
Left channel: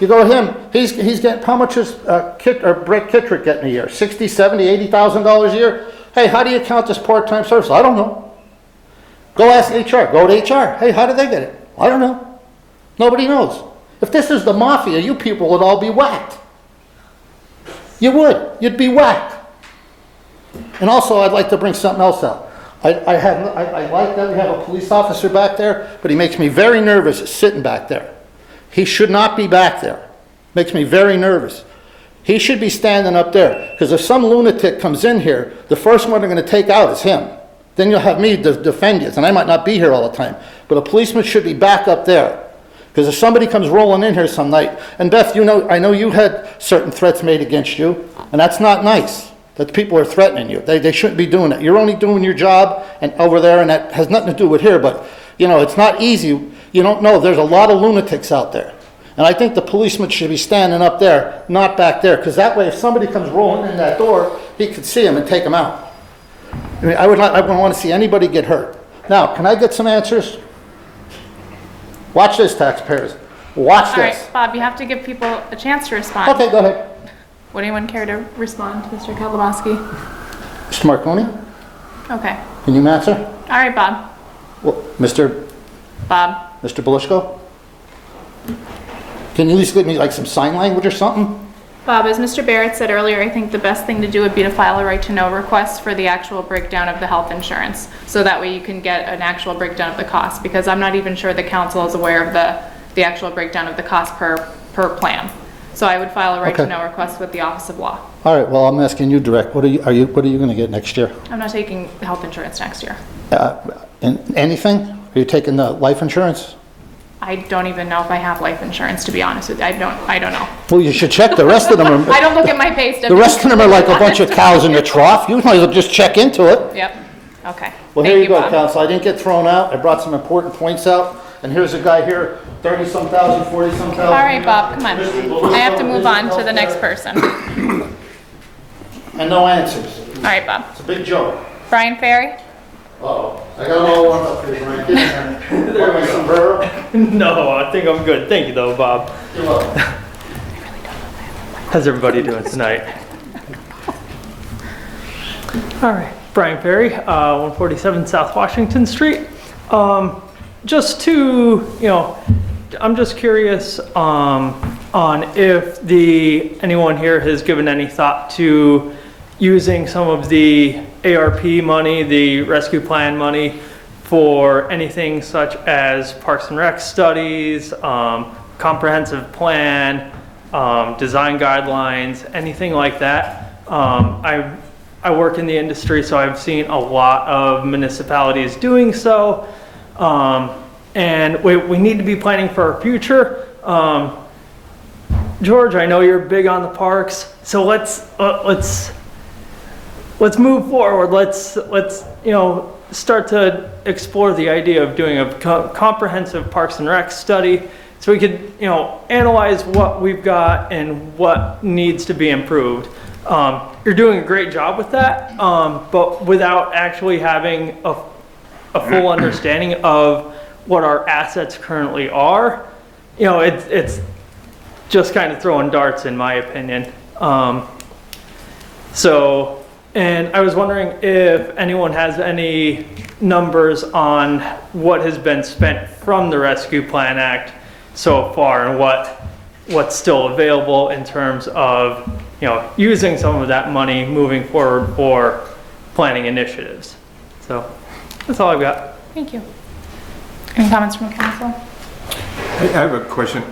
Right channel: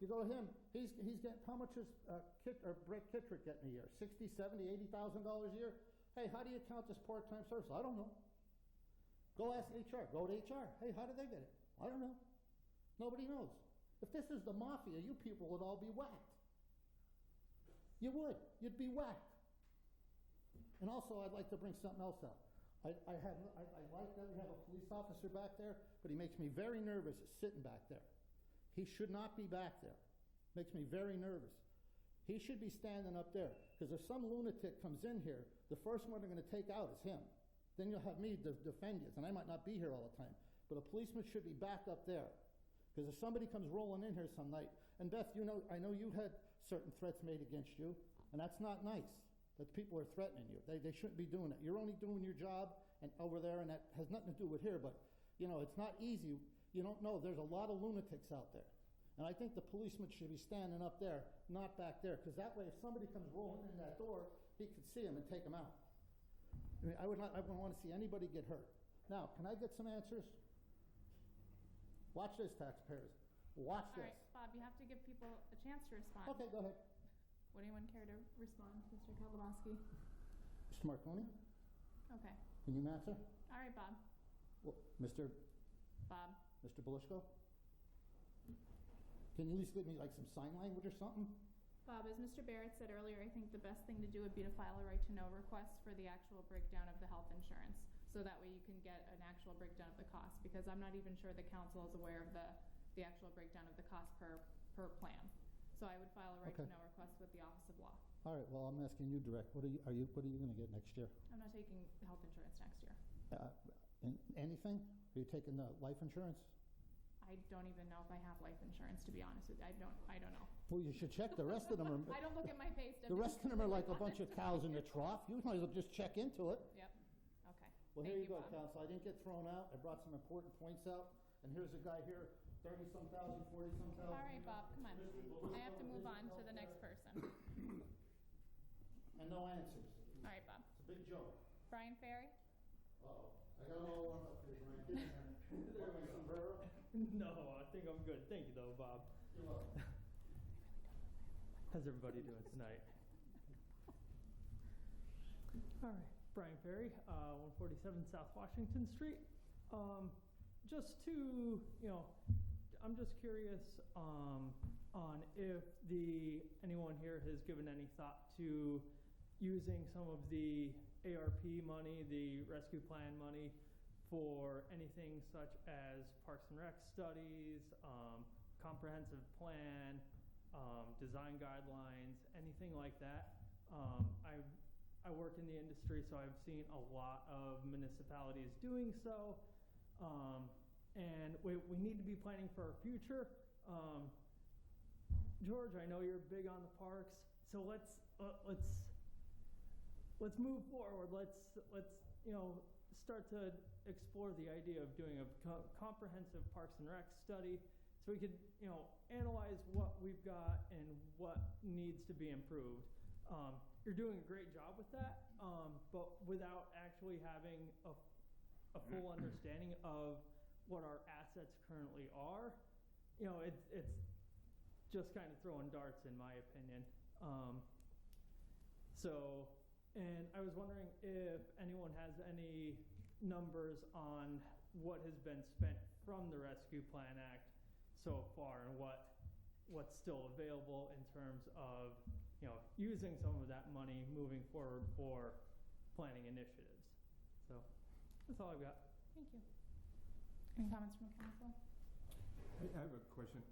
You go to him, he's getting, how much is Brett Kittrick getting a year? $60,000, $70,000, $80,000 a year? Hey, how do you count this part-time service? I don't know. Go ask HR, go to HR. Hey, how did they get it? I don't know. Nobody knows. If this is the mafia, you people would all be whacked. You would. You'd be whacked. And also, I'd like to bring something else out. I like that we have a police officer back there, but he makes me very nervous sitting back there. He should not be back there. Makes me very nervous. He should be standing up there, because if some lunatic comes in here, the first one they're gonna take out is him. Then you'll have me defend you, and I might not be here all the time. But a policeman should be back up there. Because if somebody comes rolling in here some night, and Beth, you know, I know you had certain threats made against you, and that's not nice, that people are threatening you. They shouldn't be doing that. You're only doing your job and over there, and that has nothing to do with here, but, you know, it's not easy. You don't know, there's a lot of lunatics out there. And I think the policeman should be standing up there, not back there, because that way if somebody comes rolling in that door, he could see him and take him out. I mean, I wouldn't want to see anybody get hurt. Now, can I get some answers? Watch this, taxpayers. Watch All this. right, Bob, you have to give people a chance to respond. Okay, go ahead. Would anyone care to respond to Mr. Kalabowski? Mr. Marconi, Okay. can you answer? All right, Bob. Well, Mr. Bob. Belushko? Can you at least give me like some sign language or something? Bob, as Mr. Barrett said earlier, I think the best thing to do would be to file a right-to-know request for the actual breakdown of the health insurance. So that way you can get an actual breakdown of the cost, because I'm not even sure the council is aware of the actual breakdown of the cost per plan. So I would file a right-to-know request with the Office of Law. All right, well, I'm asking you direct. What are you going to get next year? I'm not taking health insurance next year. Anything? Are you taking the life insurance? I don't even know if I have life insurance, to be honest with you. I don't know. Well, you should check. The rest of them are... I don't look at my pay stub. The rest of them are like a bunch of cows in the trough. You might as well just check into it. Yep. Okay. Well, Thank here you go, Bob. counsel. I didn't get thrown out. I brought some important points out. And here's a guy here, 30-some thousand, 40-some thousand. All right, Bob, come on. I have to move on to the next person. And no answers. All right, Bob. It's a big joke. Brian Ferry? Uh-oh. I got it all warmed up for you, Brian. Get in there. Want my sombrero? No, I think I'm good. Thank you, though, Bob. You're welcome. How's everybody doing tonight? All right, Brian Ferry, 147 South Washington Street. Just to, I'm just curious on if anyone here has given any thought to using some of the ARP money, the rescue plan money, for anything such as Parks and Rec studies, comprehensive plan, design guidelines, anything like that. I work in the industry, so I've seen a lot of municipalities doing so. And we need to be planning for our future. George, I know you're big on the parks, so let's move forward. Let's start to explore the idea of doing a comprehensive Parks and Rec study, so we could analyze what we've got and what needs to be improved. You're doing a great job with that, but without actually having a full understanding of what our assets currently are, it's just kind of throwing darts, in my opinion. And I was wondering if anyone has any numbers on what has been spent from the Rescue Plan Act so far, and what's still available in terms of using some of that money moving forward for planning initiatives. So that's all I've got. Thank you. Any comments from the council? I have a question.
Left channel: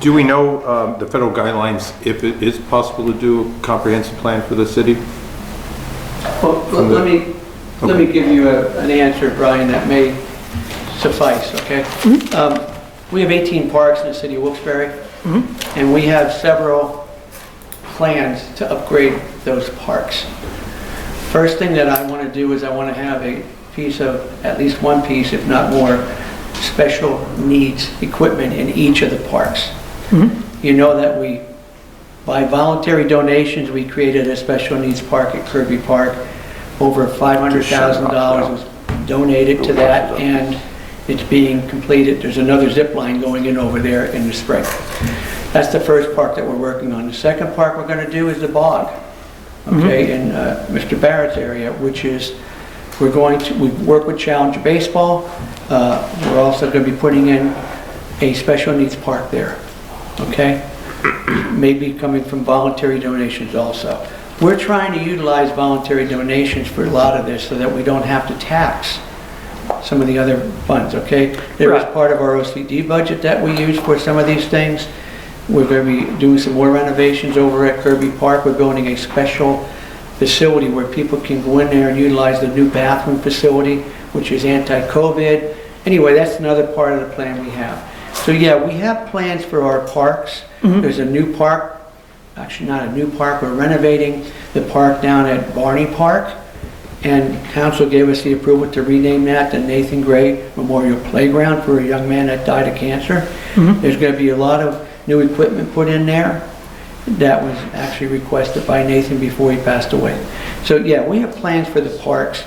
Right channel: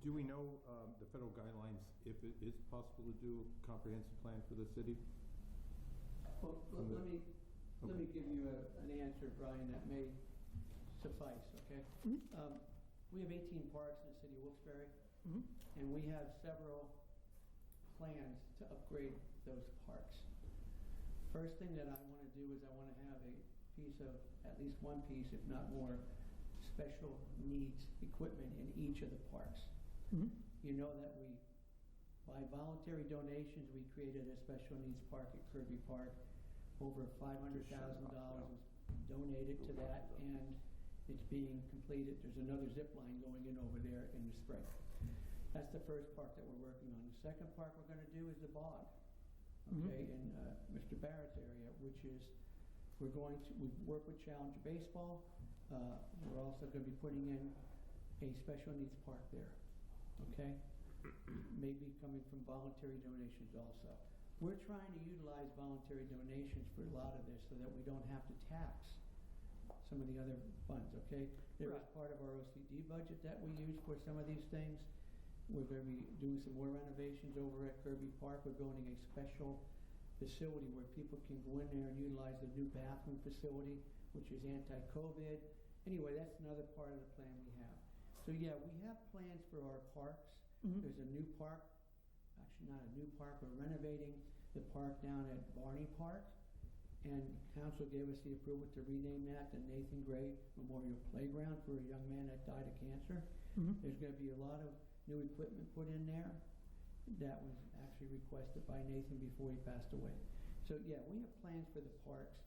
Do we know the federal guidelines, if it is possible to do a comprehensive plan for the city? Well, let me give you an answer, Brian, that may suffice, okay? We have 18 parks in the city of Wilkes-Barre, and we have several plans to upgrade those parks. First thing that I want to do is I want to have a piece of, at least one piece, if not more, special needs equipment in each of the parks. You know that by voluntary donations, we created a special needs park at Kirby Park. Over $500,000 was donated to that, and it's being completed. There's another zip line going in over there in the spring. That's the first park that we're working on. The second park we're going to do is the bog, okay, in Mr. Barrett's area, which is, we work with Challenger Baseball. We're also going to be putting in a special needs park there, okay? Maybe coming from voluntary donations also. We're trying to utilize voluntary donations for a lot of this so that we don't have to tax some of the other funds, okay? There is part of our OCD budget that we use for some of these things, We're going to be doing some more renovations over at Kirby Park. We're building a special facility where people can go in there and utilize the new bathroom facility, which is anti-COVID. Anyway, that's another part of the plan we have. So yeah, we have plans for our parks. There's a new park, actually not a new park, we're renovating the park down at Barney Park. And council gave us the approval to rename that the Nathan Gray Memorial Playground for a young man that died of cancer. There's going to be a lot of new equipment put in there. That was actually requested by Nathan before he passed away. So yeah, we have plans for the parks,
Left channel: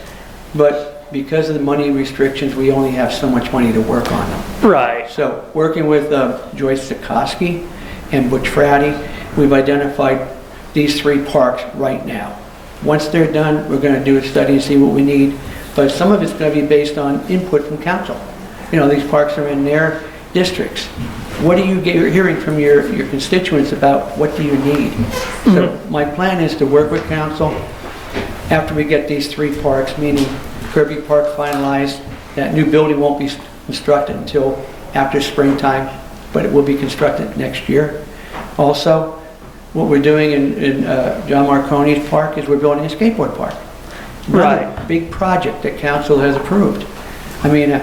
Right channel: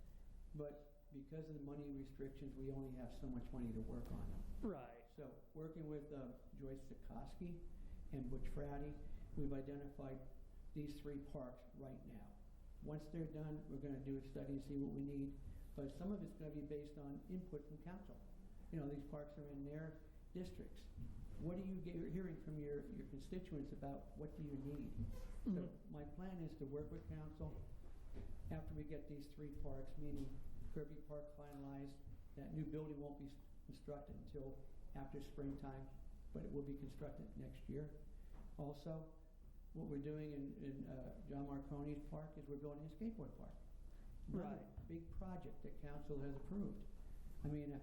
but because of the money restrictions, we only have so much money to work on them. Right. So working with Joyce Sikorsky and Butch Frady, we've identified these 3 parks right now. Once they're done, we're going to do a study and see what we need, but some of it's going to be based on input from council. You know, these parks are in their districts. What are you hearing from your constituents about what do you need? So my plan is to work with council after we get these 3 parks, meaning Kirby Park finalized. That new building won't be constructed until after springtime, but it will be constructed next year. Also, what we're doing in John Marconi's park is we're building a skateboard park. Another big project that council has approved. I mean, a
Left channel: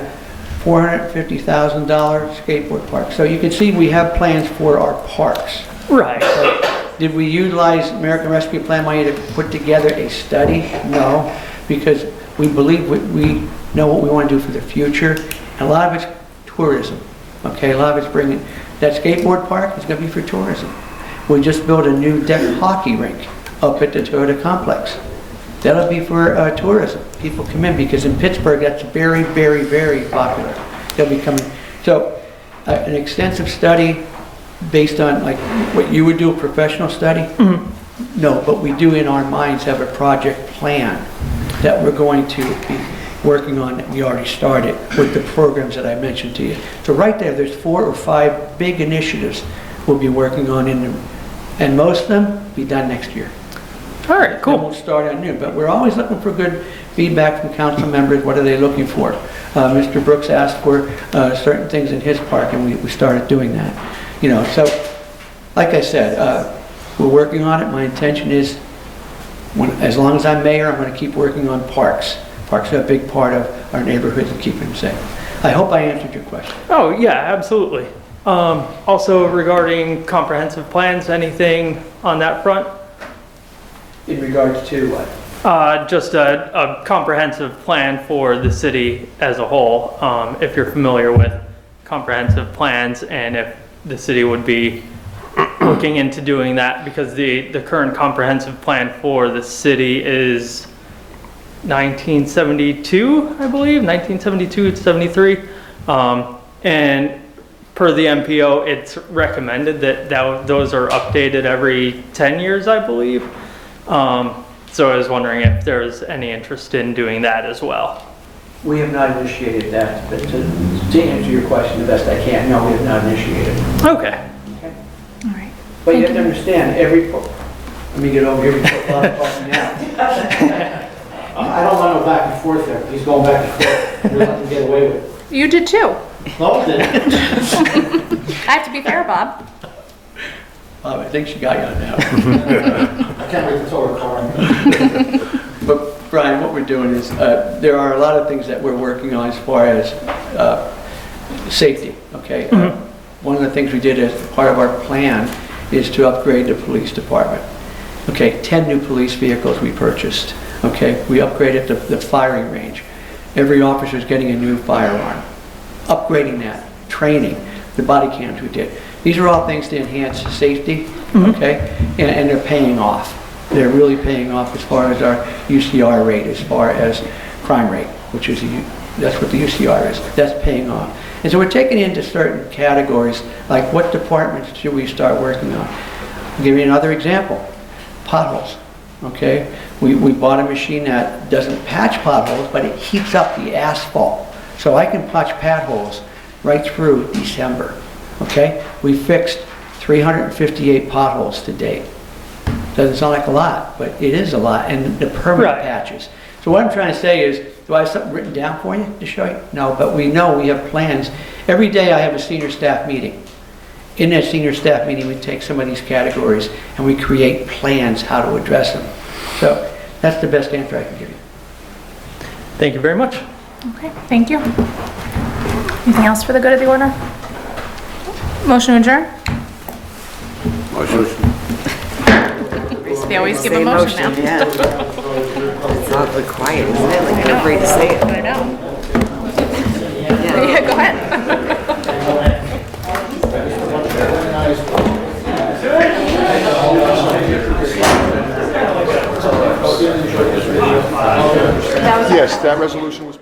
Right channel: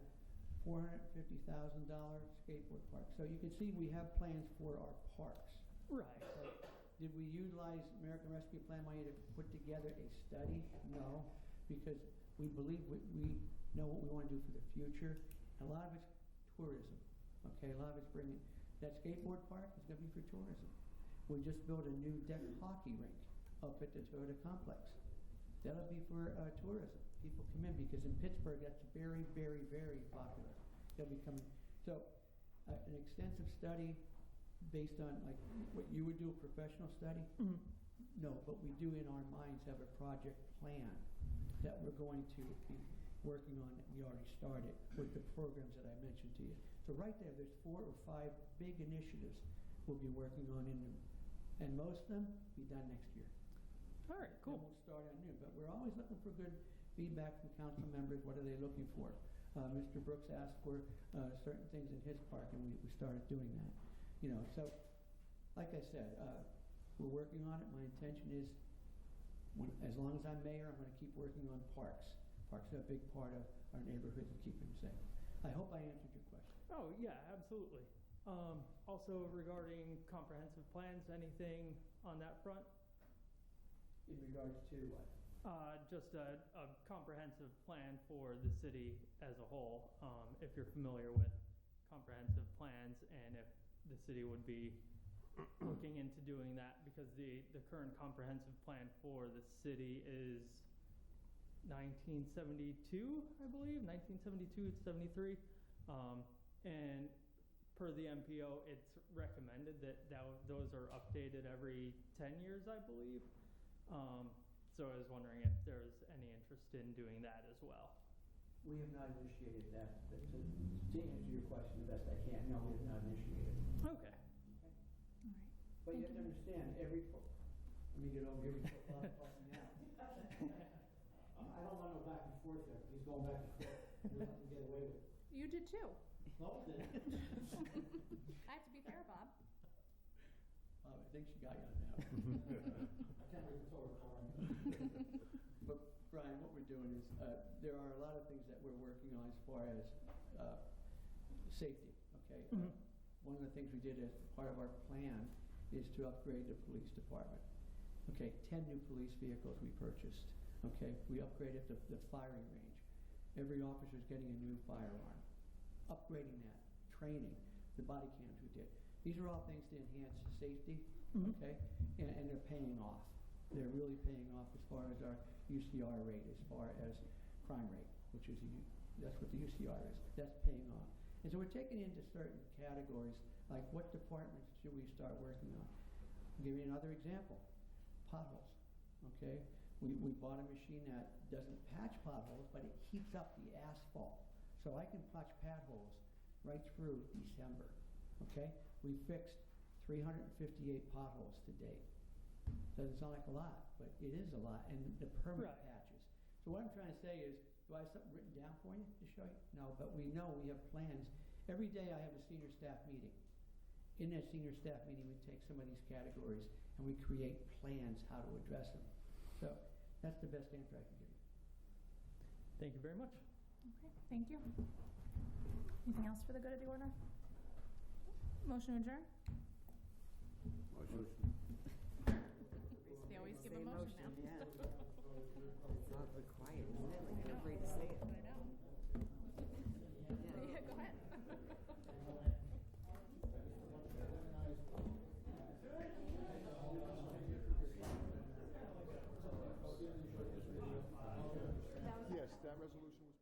$450,000 skateboard park. So you can see we have plans for our parks. Right. So, did we utilize American Rescue Plan money to put together a study? No, because we believe we know what we want to do for the future. And a lot of it's tourism. Okay, a lot of it's bringing, that skateboard park is going to be for tourism. We just built a new deck hockey rink up at the Toyota complex. That'll be for tourism. People come in because in Pittsburgh that's very, very, very popular. They'll be coming. So an extensive study based on like what you would do, a professional study? No, but we do in our minds have a project plan that we're going to be working on that we already started with the programs that I mentioned to you. So right there, there's 4 or 5 big initiatives we'll be working on in them. And most of them be done next year. All right, cool. Then we'll start anew, but we're always looking for good feedback from council members. What are they looking for? Mr. Brooks asked for certain things in his park, and we started doing that. You know, so like I said, we're working on it. My intention is, as long as I'm mayor, I'm going to keep working on parks. Parks are a big part of our neighborhoods and keeping them safe. I hope I answered your question. Oh, yeah, absolutely. Also regarding comprehensive plans, anything on that front? In regards to what? Just a comprehensive plan for the city as a whole, if you're familiar with comprehensive plans and if the city would be looking into doing that, because the current comprehensive plan for the city is 1972, I believe, 1972 to 73. And per the MPO, it's recommended that those are updated every 10 years, I believe. So I was wondering if there's any interest in doing that as well. We have not initiated that, but to answer your question the best I can, no, we have not initiated. Okay. All right. But you have to understand, let me get over here before Bob calls me out. I don't want to go back and forth there. He's going back and forth. You're letting him get away with it. You did too. No, then. I have to be fair, Bob. I think she got you on that. I can't wait to tell her car. But Brian, what we're doing is, there are a lot of things that we're working on as far as safety, okay? One of the things we did as part of our plan is to upgrade the police department. Okay, 10 new police vehicles we purchased, okay? We upgraded the firing range. Every officer is getting a new firearm. Upgrading that, training, the body cams we did. These are all things to enhance safety, okay? And they're paying off. They're really paying off as far as our UCR rate, as far as crime rate, which is, that's what the UCR is. That's paying off. And so we're taking into certain categories, like what departments should we start working on? I'll give you another example. Potholes, okay? We bought a machine that doesn't patch potholes, but it heats up the asphalt. So I can patch potholes right through December, okay? We fixed 358 potholes to date. Doesn't sound like a lot, but it is a lot, and the permanent patches. So what I'm trying to say is, do I have something written down for you to show you? No, but we know we have plans. Every day I have a senior staff meeting, in that senior staff meeting, we take some of these categories and we create plans how to address them. So that's the best answer I can give you. Thank you very much. Okay, thank you. Anything else for the good of the order? Motion to adjourn? Motion. They always give a motion now. Yeah. It's awfully quiet, isn't it? Like, I'm afraid to say it. I know. Yeah, go ahead. Yes, that resolution was...